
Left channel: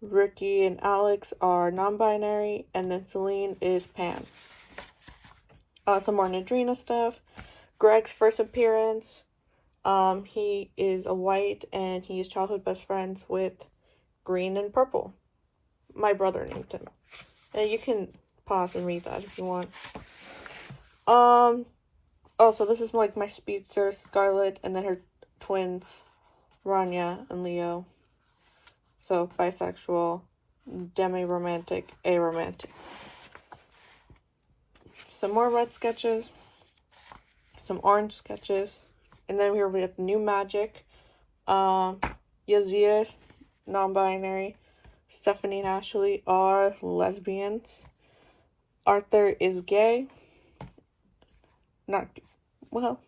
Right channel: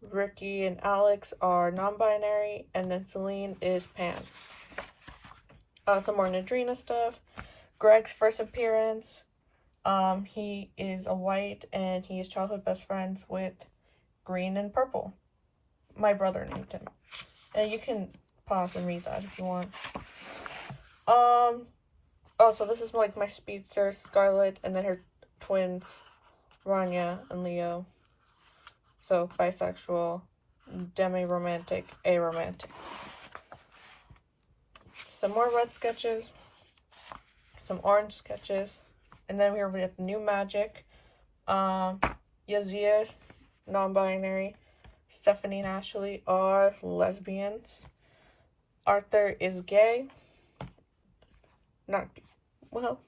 Ricky and Alex are non-binary, and then Celine is pan. Some more Nadrina stuff. Greg's first appearance. He is a white, and he is childhood best friends with Green and Purple. My brother named him. And you can pause and read that if you want. Oh, so this is like my speedster, Scarlett, and then her twins, Rania and Leo. So, bisexual, demi-romantic, aromantic. Some more red sketches. Some orange sketches. And then here we have New Magic. Yazir, non-binary. Stephanie and Ashley are lesbians. Arthur is gay. Not, well,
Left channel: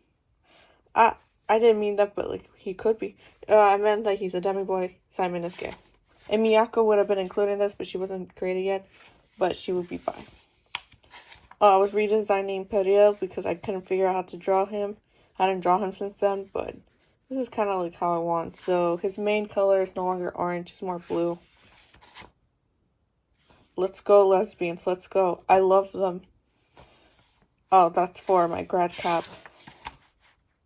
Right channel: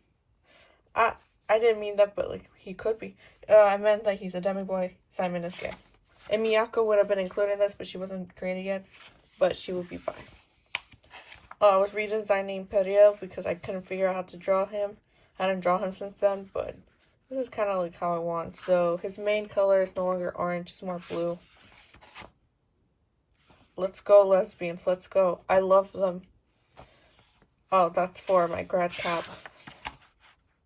I didn't mean that, but like, he could be. I meant that he's a demi-boy. Simon is gay. And Miyako would have been included in this, but she wasn't created yet. But she would be fine. I was redesigning Periel because I couldn't figure out how to draw him. I didn't draw him since then, but this is kind of like how I want. So his main color is no longer orange, it's more blue. Let's go, lesbians. Let's go. I love them. Oh, that's for my grad cats.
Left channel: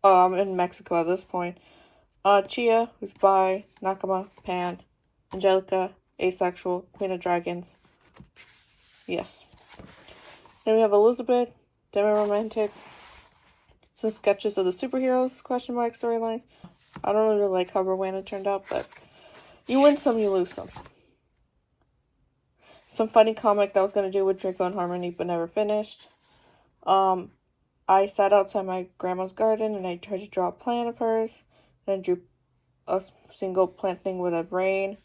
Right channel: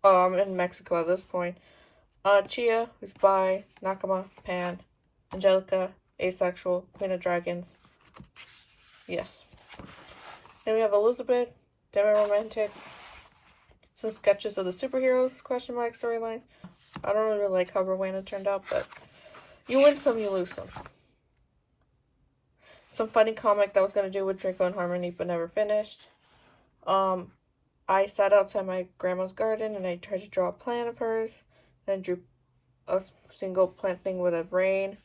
Oh, I'm in Mexico at this point. Chia, who's bi, Nakama, pan, Angelica, asexual, Queen of Dragons. Yes. Then we have Elizabeth, demi-romantic. Some sketches of the superheroes, question mark, storyline. I don't really like how Rowena turned out, but you win some, you lose some. Some funny comic that I was going to do with Draco and Harmony, but never finished. I sat outside my grandma's garden, and I tried to draw a plant of hers. And I drew a single plant thing with a brain.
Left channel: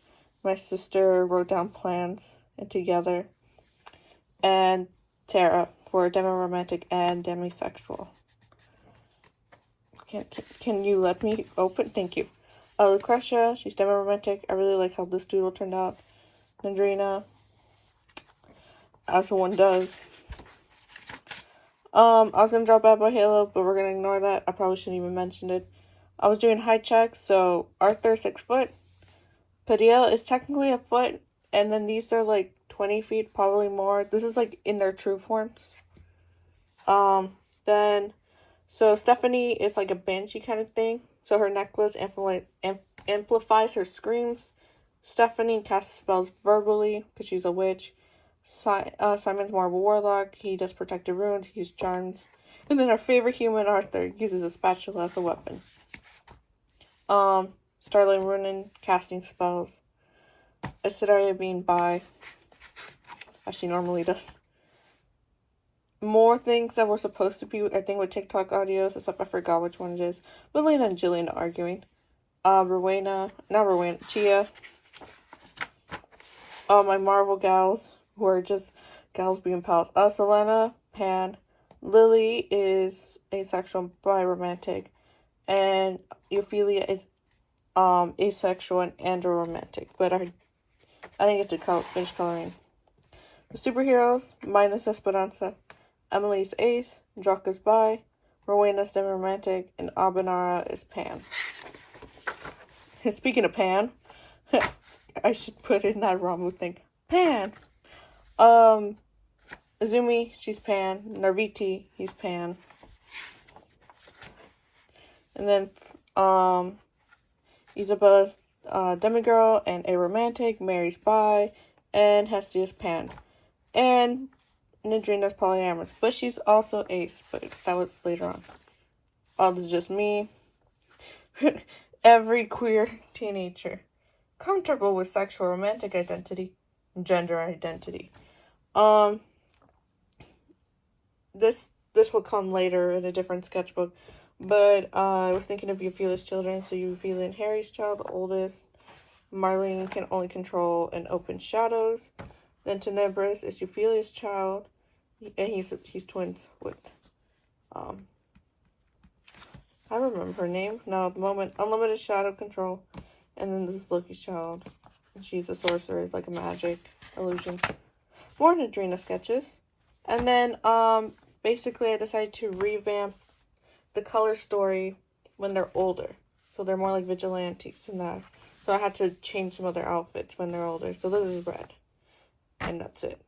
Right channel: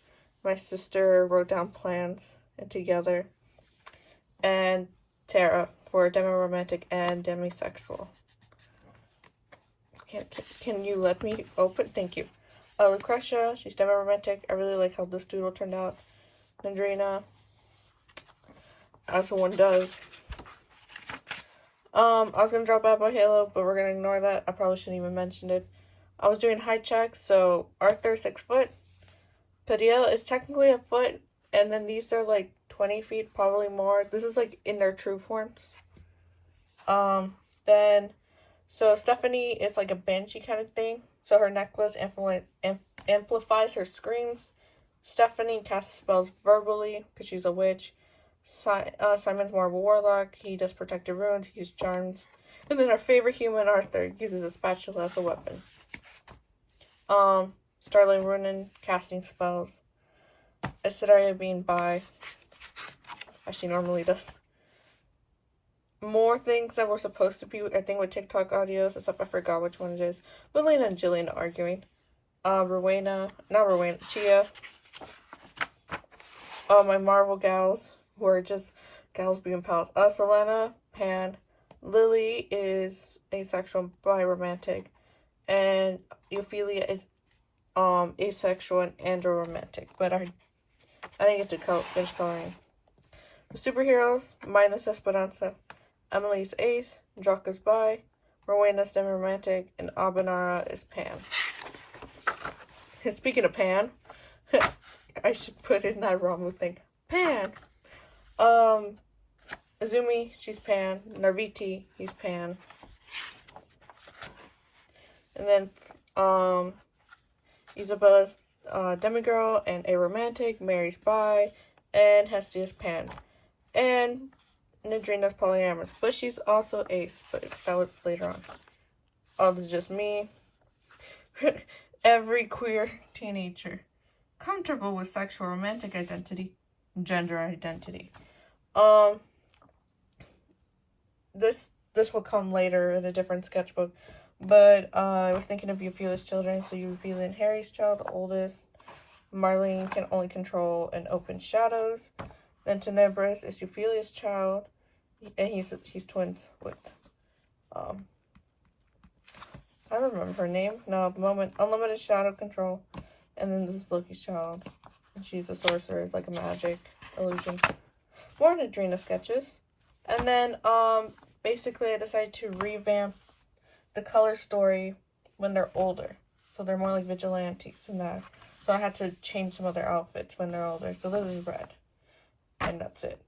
My sister wrote down plants and together. And Tara for demi-romantic and demisexual. Can you let me open? Thank you. Lucretia, she's demi-romantic. I really like how this doodle turned out. Nandrina, as one does. I was gonna draw Bad Boy Halo, but we're gonna ignore that. I probably shouldn't even mention it. I was doing height check, so Arthur 6 foot. Padilla is technically a foot, and then these are like 20 feet, probably more. This is like in their true forms. So Stephanie is like a banshee kind of thing. So her necklace amplifies her screams. Stephanie casts spells verbally because she's a witch. Simon's more of a warlock. He does protective runes. He uses charms. And then our favorite human, Arthur, uses a spatula as a weapon. Starling Runin, casting spells. Isidaria being bi, as she normally does. More things that were supposed to be, I think, with TikTok audios, except I forgot which one it is. But Lena and Jillian arguing. Chia. My Marvel gals, who are just gals being pals. Selena, Pan. Lily is asexual, bi-romantic. And Ophelia is asexual and andro-romantic. But I didn't get to finish coloring. The superheroes, minus Esperanza. Emily's ace, Draka's bi, Rowena's demi-romantic, and Abanara is pan. Speaking of pan, I should put in that Ramu thing. Pan! Izumi, she's pan. Narviti, he's pan. And then, Isabella's demigirl and a romantic, Mary's bi, and Hestia's pan. And Nidrina's polyamorous, but she's also ace, but that was later on. This is just me. Every queer teenager comfortable with sexual romantic identity, gender identity. This will come later in a different sketchbook, but I was thinking of Euphelia's children. So Euphelia and Harry's child, the oldest. Marlene can only control and open shadows. Then Tenebris is Euphelia's child, and he's twins with I remember her name, not at the moment. Unlimited shadow control. And then this is Loki's child. And she's a sorceress, like a magic illusion. More Nadrina sketches. And then basically I decided to revamp the color story when they're older. So they're more like vigilantes and that. So I had to change some of their outfits when they're older. So this is red. And that's it.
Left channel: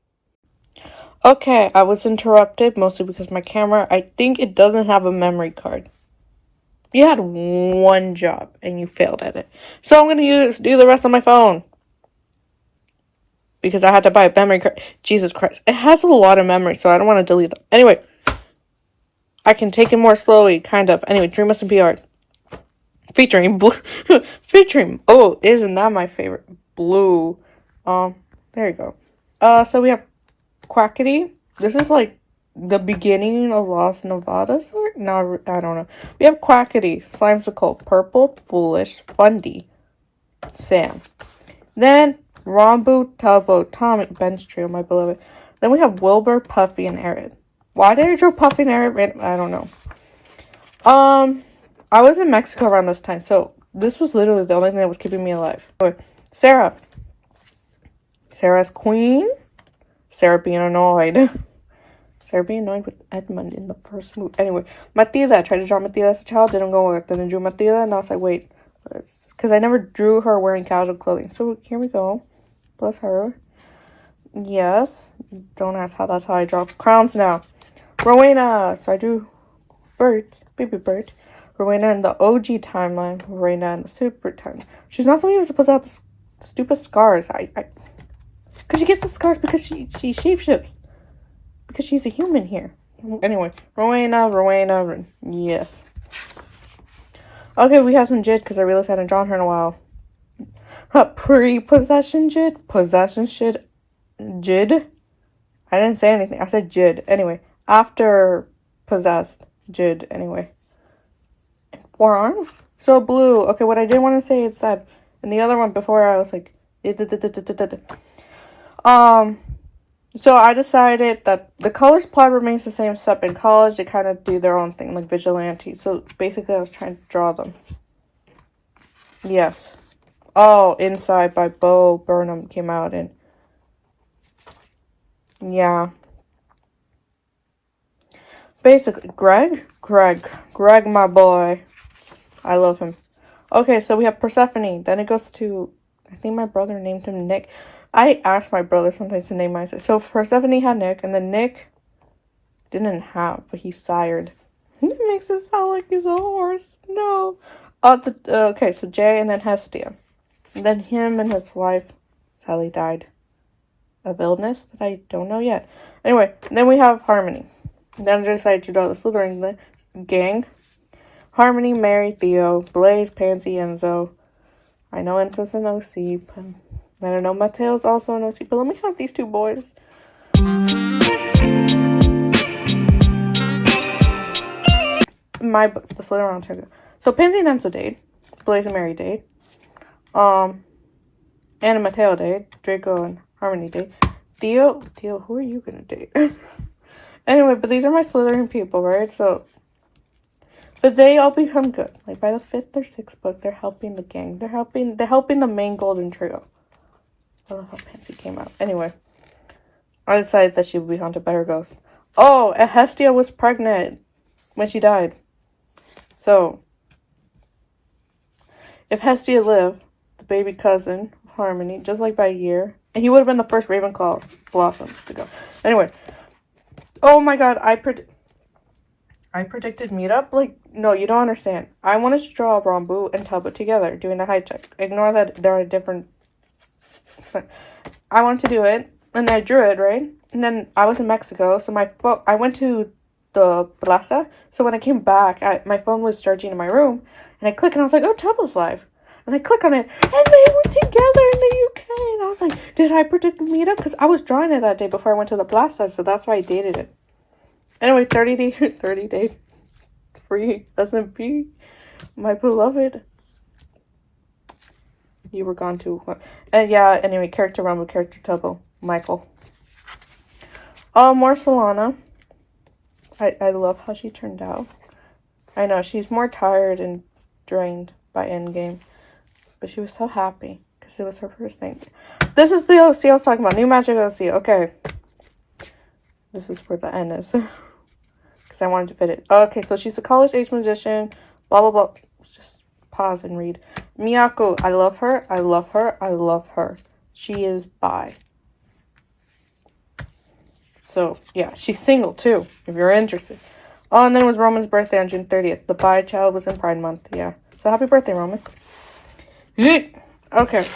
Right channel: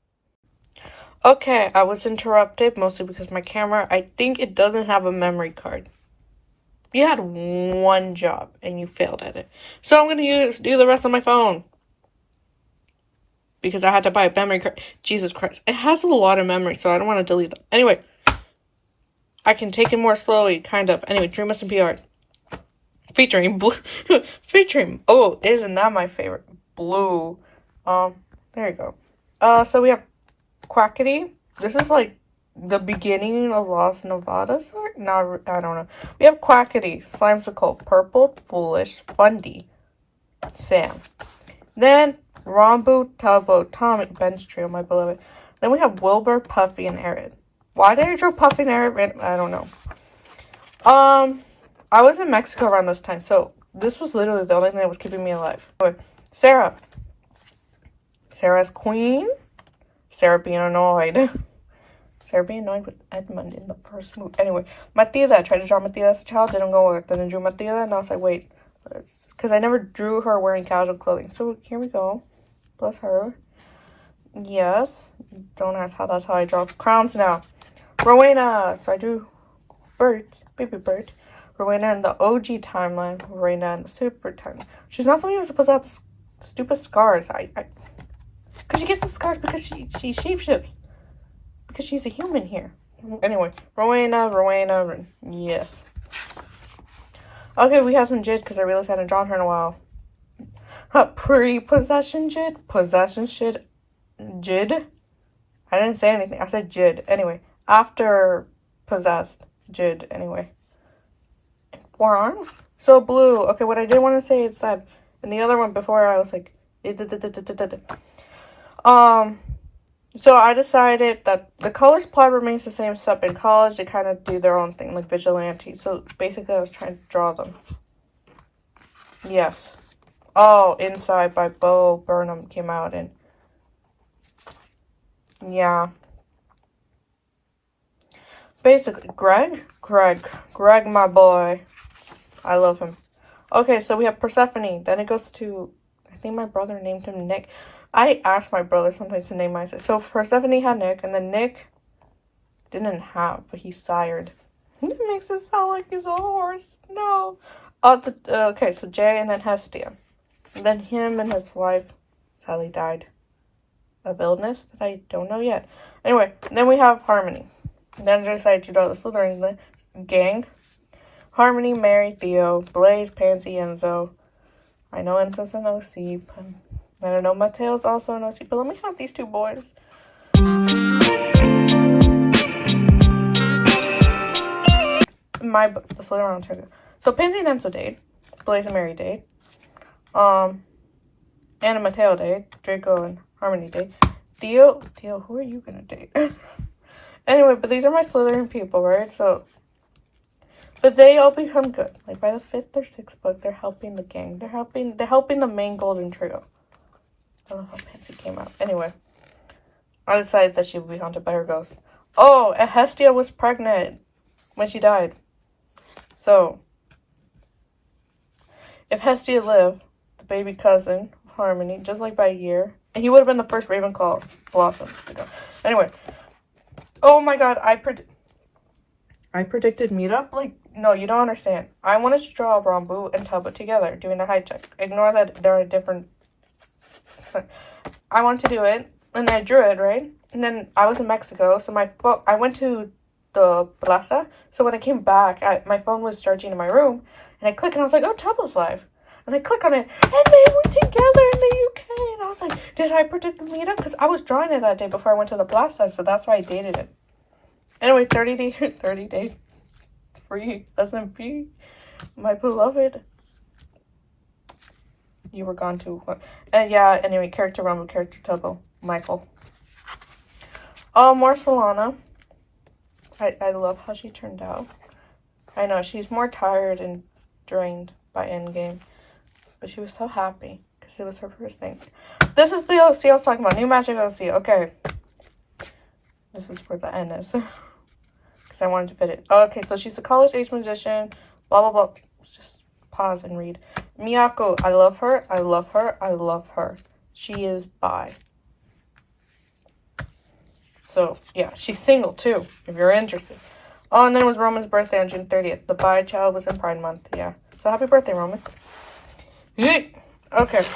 Okay, I was interrupted mostly because my camera, I think it doesn't have a memory card. You had one job and you failed at it. So I'm going to do the rest on my phone. Because I had to buy a memory card. Jesus Christ. It has a lot of memory, so I don't want to delete it. Anyway. I can take it more slowly, kind of. Anyway, Dream Us and PR. Featuring Blue. Featuring. Oh, isn't that my favorite? Blue. There you go. So we have Quackity. This is like the beginning of Lost Nevada. No, I don't know. We have Quackity, Slimesicle, Purple, Foolish, Fundy, Sam. Then Rombo, Tubbo, Tom, and Ben's Trio, my beloved. Then we have Wilbur, Puffy, and Aaron. Why did I draw Puffy and Aaron? I don't know. I was in Mexico around this time, so this was literally the only thing that was keeping me alive. Anyway, Sarah. Sarah's queen. Sarah being annoyed. Sarah being annoyed with Edmund in the first movie. Anyway, Matilda. I tried to draw Matilda as a child. Didn't go work. Then I drew Matilda, and I was like, wait. Because I never drew her wearing casual clothing. So here we go. Bless her. Yes. Don't ask how that's how I draw crowns now. Rowena. So I drew birds. Baby bird. Rowena in the OG timeline. Rowena in the super timeline. She's not somebody who's supposed to have the stupid scars. Because she gets the scars because she shapeshifts. Because she's a human here. Anyway. Rowena. Yes. Okay, we have some Jid because I realized I hadn't drawn her in a while. Pre-possession Jid? Possession Jid? I didn't say anything. I said Jid. Anyway, after possessed Jid. Anyway. 4 arms? So blue. Okay, what I did want to say is that in the other one before I was like... So I decided that the colors plot remains the same, except in college they kind of do their own thing, like vigilante. So basically I was trying to draw them. Yes. Oh, Inside by Bo Burnham came out in. Yeah. Basically, Greg, my boy. I love him. Okay, so we have Persephone. Then it goes to, I think my brother named him Nick. I asked my brother sometimes to name myself. So Persephone had Nick, and then Nick didn't have, but he sired. It makes it sound like he's a horse. No. Okay, so Jay and then Hestia. And then him and his wife, Sally, died of illness that I don't know yet. Anyway, then we have Harmony. And then I decided to draw the Slytherin gang. Harmony, Mary, Theo, Blaze, Pansy, Enzo. I know Enzo's an OC, but I don't know Mateo's also an OC, but let me have these two boys. The Slytherin trigger. So Pansy and Enzo date. Blaze and Mary date. Anna and Mateo date. Draco and Harmony date. Theo, who are you gonna date? Anyway, but these are my Slytherin people, right? So, but they all become good. Like by the 5th or 6th book, they're helping the gang. They're helping the main golden trio. I love how Pansy came out. Anyway, I decided that she would be haunted by her ghost. Oh, and Hestia was pregnant when she died. So, if Hestia lived, the baby cousin of Harmony, just like by a year, and he would have been the first Ravenclaw blossom to go. Anyway, oh my god, I predicted meetup? Like, no, you don't understand. I wanted to draw Rambu and Tubbo together, doing the high check. Ignore that they're a different... I want to do it, and I drew it, right? And then I was in Mexico, so I went to the plaza, so when I came back, my phone was charging in my room, and I clicked, and I was like, oh, Tubbo's live. And I click on it, and they were together in the UK, and I was like, did I predict the meetup? Because I was drawing it that day before I went to the plaza, so that's why I dated it. Anyway, 30 days free SMP, my beloved. You were gone too. And yeah, anyway, character Rumble, character Tubbo, Michael. Marcelana. I love how she turned out. I know, she's more tired and drained by Endgame. But she was so happy, because it was her first thing. This is the OC I was talking about, New Magic OC, okay. This is where the N is. Because I wanted to fit it. Okay, so she's a college-age magician, blah, blah, blah. Let's just pause and read. Miyako, I love her, I love her, I love her. She is bi. So, yeah, she's single, too, if you're interested. Oh, and then it was Roman's birthday on June 30th. The bi child was in Pride Month, yeah. So, happy birthday, Roman. Okay.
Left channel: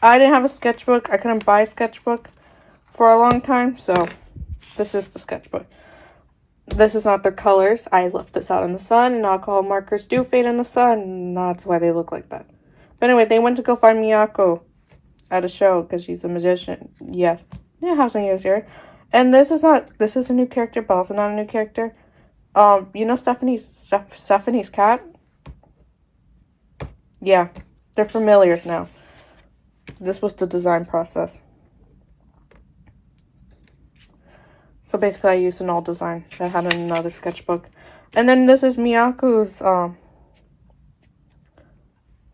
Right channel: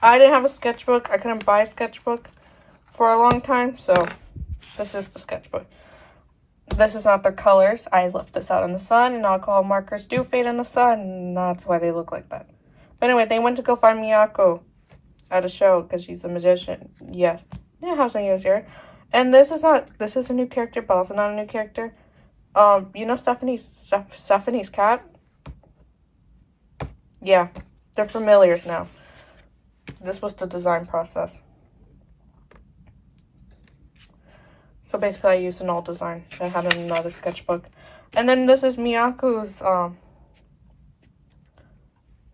I didn't have a sketchbook. I couldn't buy a sketchbook for a long time, so this is the sketchbook. This is not their colors. I left this out in the sun, and alcohol markers do fade in the sun, and that's why they look like that. But anyway, they went to go find Miyako at a show because she's a magician. Yeah, have some use here. And this is a new character, but also not a new character. You know Stephanie's cat? Yeah, they're familiars now. This was the design process. So basically I used an old design that had another sketchbook. And then this is Miyako's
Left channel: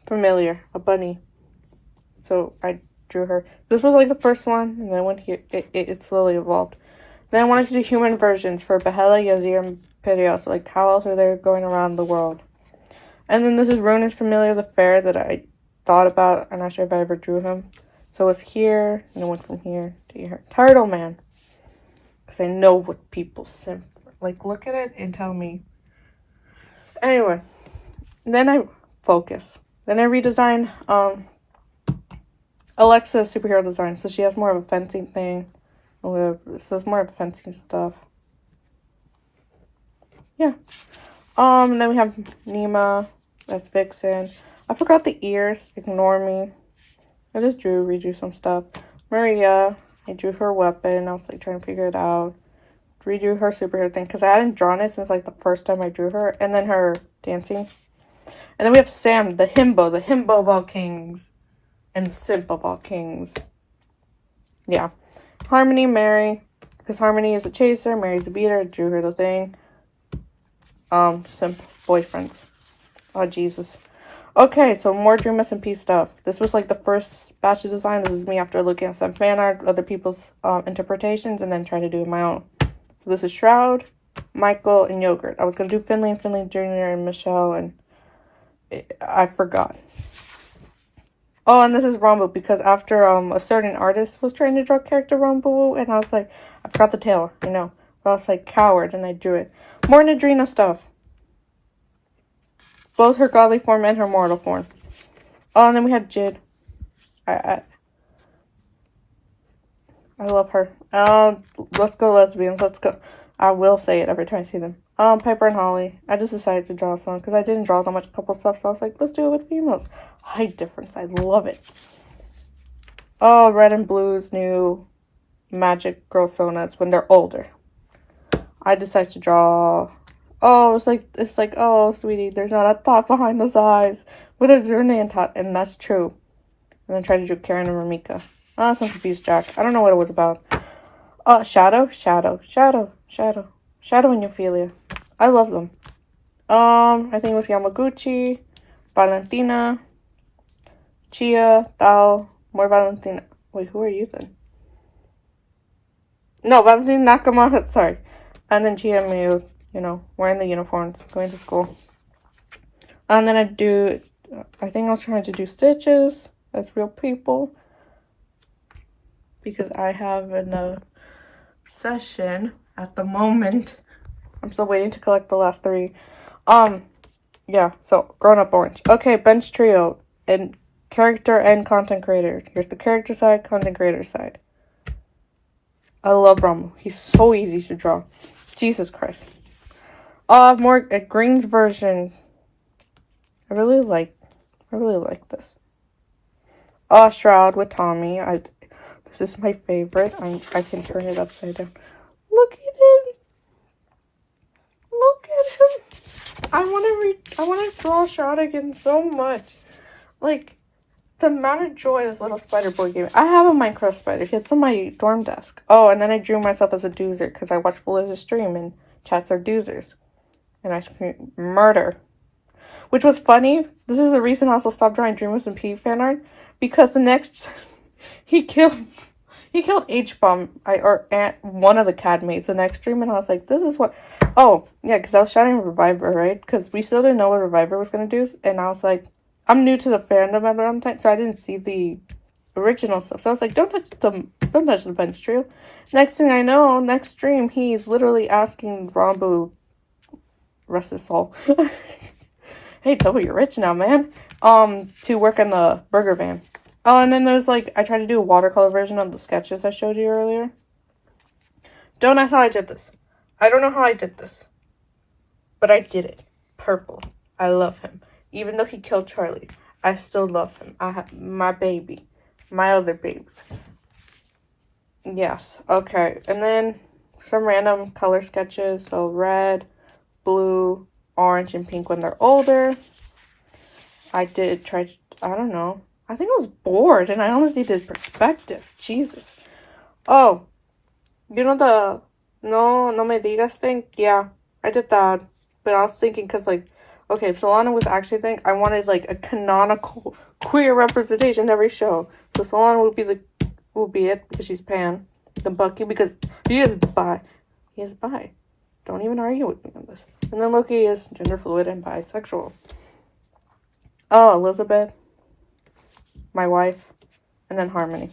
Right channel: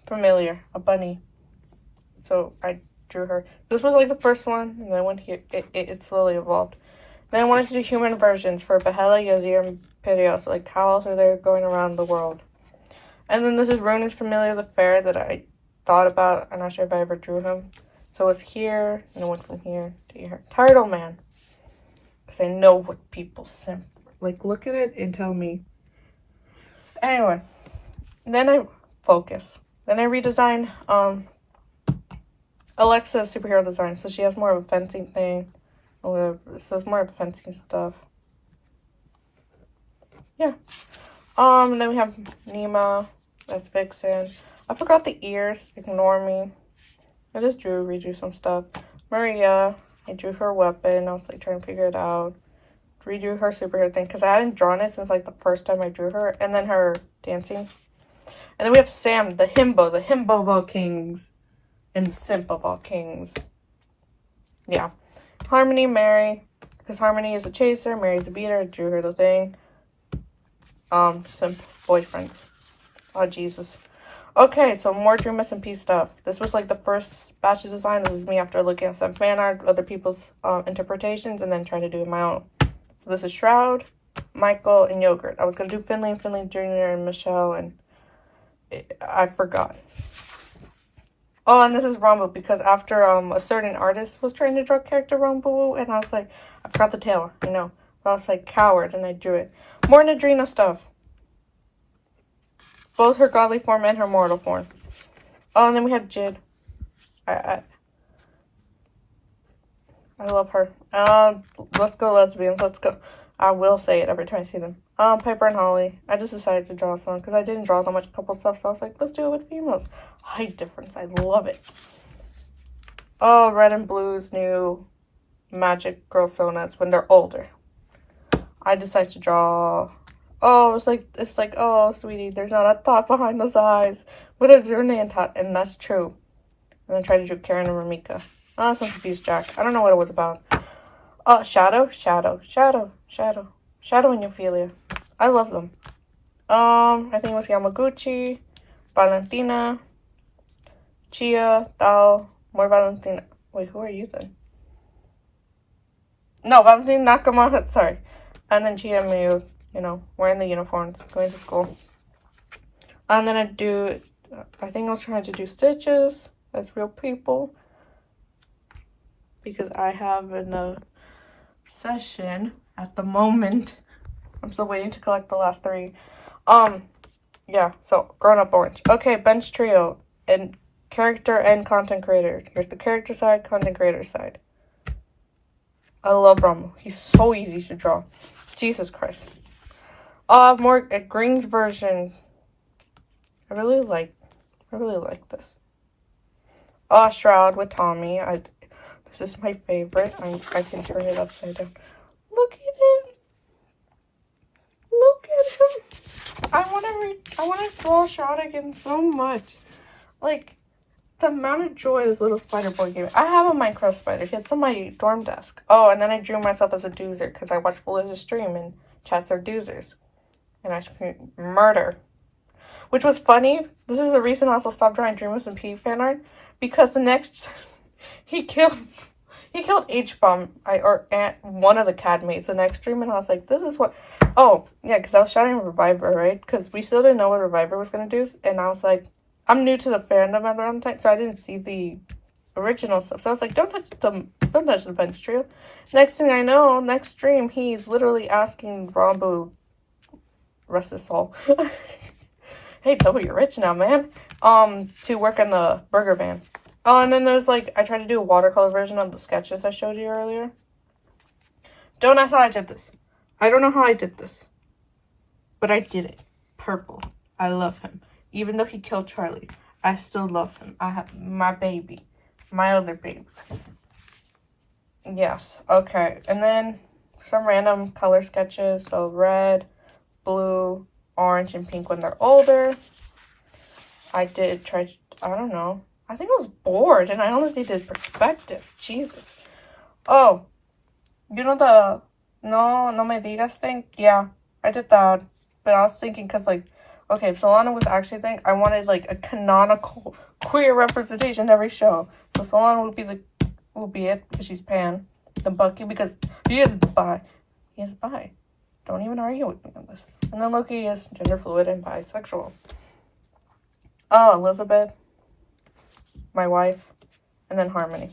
familiar, a bunny. So I drew her. This was like the first one, and then went here. It slowly evolved. Then I wanted to do human versions for Behela, Yazir, and Perios. Like how else are they going around the world? And then this is Ronan's familiar, the fair that I thought about. I'm not sure if I ever drew him. So it's here, and it went from here to here. Turtle Man. Because I know what people simp for. Like, look at it and tell me. Anyway. Then I focus. Then I redesign Alexa's superhero design. So she has more of a fencing thing. So it's more of fencing stuff. Yeah. Then we have Nima. That's Vixen. I forgot the ears. Ignore me. I just redrew some stuff. Maria. I drew her weapon. I was like trying to figure it out. Redrew her superhero thing because I hadn't drawn it since like the first time I drew her. And then her dancing. And then we have Sam, the himbo of all kings. And the simp of all kings. Yeah. Harmony, Mary, because Harmony is a chaser, Mary's a beater. I drew her the thing. Some boyfriends. Oh, Jesus. Okay, so more Dream SMP stuff. This was like the first batch of design. This is me after looking at some fan art, other people's interpretations, and then trying to do my own. So this is Shroud, Michael, and Yogurt. I was going to do Finley and Finley Jr. and Michelle, and I forgot. Oh, and this is Rumble, because after a certain artist was trying to draw character Rumble, and I was like, I forgot the tail, I know. But I was like, coward, and I drew it. More Nadrina stuff. Both her godly form and her mortal form. Oh, and then we have Jid. I love her. Let's go lesbians. Let's go. I will say it every time I see them. Pepper and Holly. I just decided to draw some because I didn't draw so much couple stuff, so I was like, let's do it with females. Height difference. I love it. Oh, Red and Blue's new magic girl sonas when they're older. I decided to draw. Oh, it's like, oh, sweetie, there's not a thought behind those eyes. What is your name, Tot? And that's true. And then try to do Karen and Ramika. Oh, some confused Jack. I don't know what it was about. Oh, Shadow and Ophelia. I love them. I think it was Yamaguchi, Valentina, Chia, Dao, more Valentina. Wait, who are you then? No, Valentina Nakama, sorry. And then Chia and Miyu, you know, wearing the uniforms, going to school. I'm gonna do, I think I was trying to do stitches as real people. Because I have an obsession at the moment. I'm still waiting to collect the last 3. Yeah, so Grown Up Orange. Okay, bench trio and character and content creator. Here's the character side, content creator side. I love Romo. He's so easy to draw. Jesus Christ. More Green's version. I really like this. Shroud with Tommy. This is my favorite. I can turn it upside down. Look at him. Look at him. I want to draw Shroud again so much. Like, the amount of joy this little spider boy gave me. I have a Minecraft spider. It's on my dorm desk. Oh, and then I drew myself as a doozer because I watched Felicia's stream and chats are doozers. And I screamed murder. Which was funny. This is the reason I also stopped drawing Dreamers and P fan art. Because the next... He killed H-Bomb, or one of the CAD mates the next stream, and I was like, this is what... Oh, yeah, because I was shouting Reviver, right? Because we still didn't know what Reviver was going to do, and I was like, I'm new to the fandom at the time, so I didn't see the original stuff. So I was like, don't touch the bench trio. Next thing I know, next stream, he's literally asking Rambu, rest his soul, hey, Toby, you're rich now, man, to work on the burger van. Oh, and then there's like, I tried to do a watercolor version of the sketches I showed you earlier. Don't ask how I did this. I don't know how I did this. But I did it. Purple. I love him. Even though he killed Charlie, I still love him. I have my baby. My other baby. Yes. Okay. And then some random color sketches. So red, blue, orange, and pink when they're older. I did try, I don't know. I think I was bored and I honestly did perspective. Jesus. Oh, you know the no me digas thing? Yeah, I did that. But I was thinking because, like, okay, if Solana was actually a thing, I wanted, like, a canonical queer representation every show. So Solana would be it because she's pan. The Bucky because he is bi. He is bi. Don't even argue with me on this. And then Loki is gender fluid and bisexual. Oh, Elizabeth. My wife, and then Harmony.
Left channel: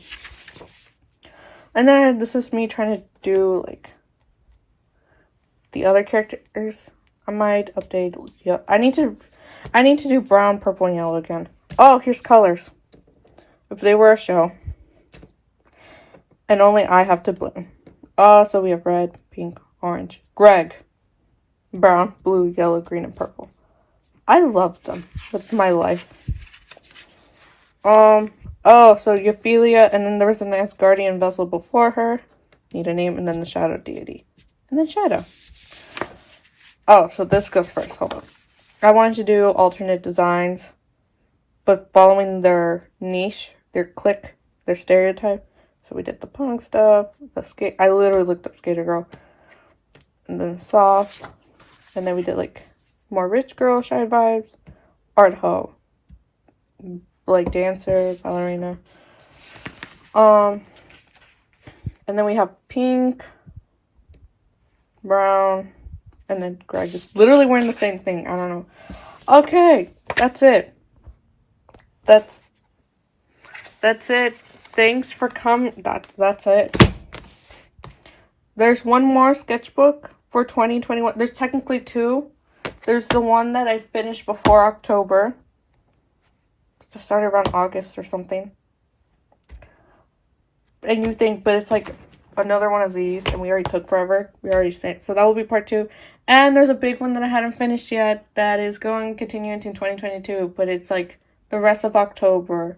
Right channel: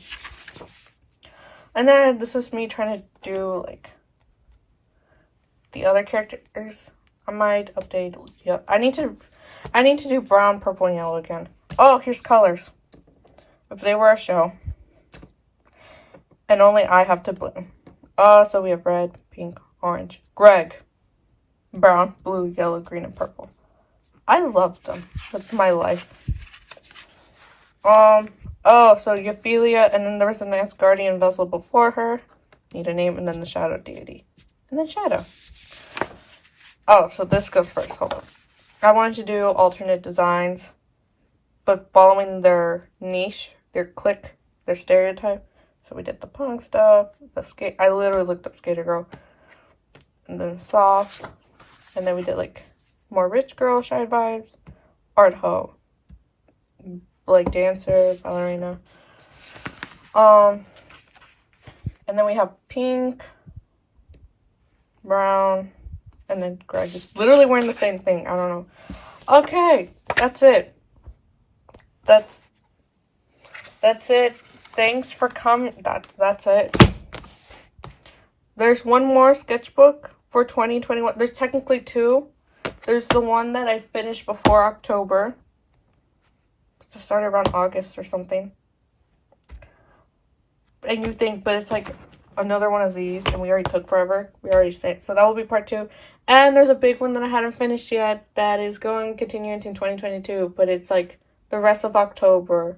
And then this is me trying to do like the other characters. I might update. Yeah, I need to do brown, purple, and yellow again. Oh, here's colors. If they were a show, and only I have to bloom. So we have red, pink, orange, Greg, brown, blue, yellow, green, and purple. I love them. That's my life. Oh, so Ophelia, and then there was a nice guardian vessel before her. Need a name, and then the shadow deity. And then Shadow. Oh, so this goes first. Hold on. I wanted to do alternate designs, but following their niche, their clique, their stereotype. So we did the punk stuff, the skate. I literally looked up Skater Girl, and then soft, and then we did like more rich girl shy vibes, art hoe, like dancer, ballerina. And then we have pink, brown, and then Greg is literally wearing the same thing. I don't know. Okay, that's it. That's it. Thanks for coming. That's it. There's one more sketchbook for 2021. There's technically two. There's the one that I finished before October. It started around August or something. And you think, but it's like another one of these, and we already took forever. We already said, so that will be part 2. And there's a big one that I hadn't finished yet that is going to continue into 2022, but it's like the rest of October,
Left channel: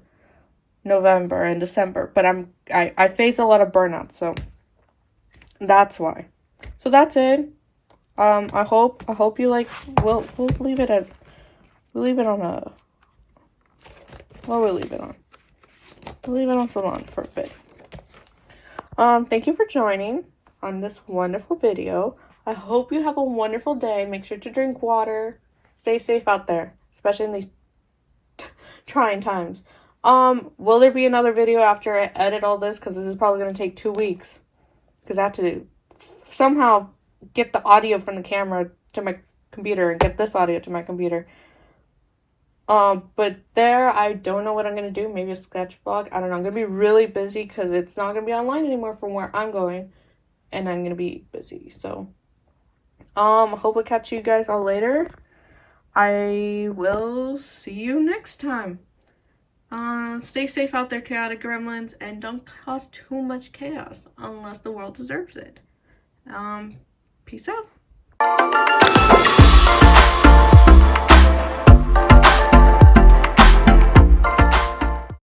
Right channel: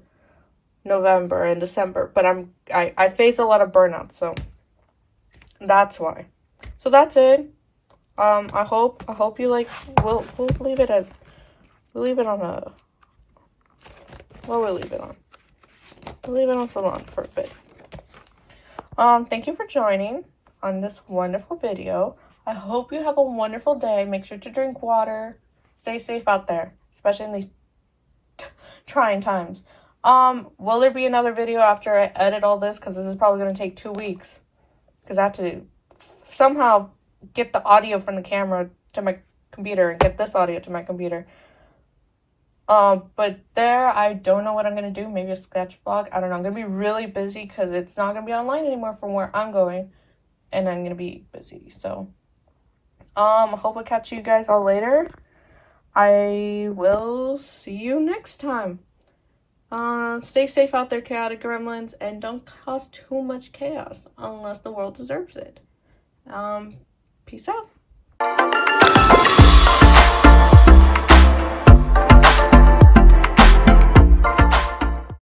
November, and December. But I face a lot of burnout, so that's why. So that's it. I hope you like. We'll leave it on a. What will we leave it on? We'll leave it on salon for a bit. Thank you for joining on this wonderful video. I hope you have a wonderful day. Make sure to drink water. Stay safe out there, especially in these trying times. Will there be another video after I edit all this? Because this is probably going to take 2 weeks. Because I have to somehow get the audio from the camera to my computer and get this audio to my computer. But there, I don't know what I'm going to do. Maybe a sketch vlog. I don't know. I'm going to be really busy because it's not going to be online anymore from where I'm going. And I'm going to be busy. So, hope we'll catch you guys all later. I will see you next time. Stay safe out there, chaotic gremlins, and don't cause too much chaos unless the world deserves it. Peace out.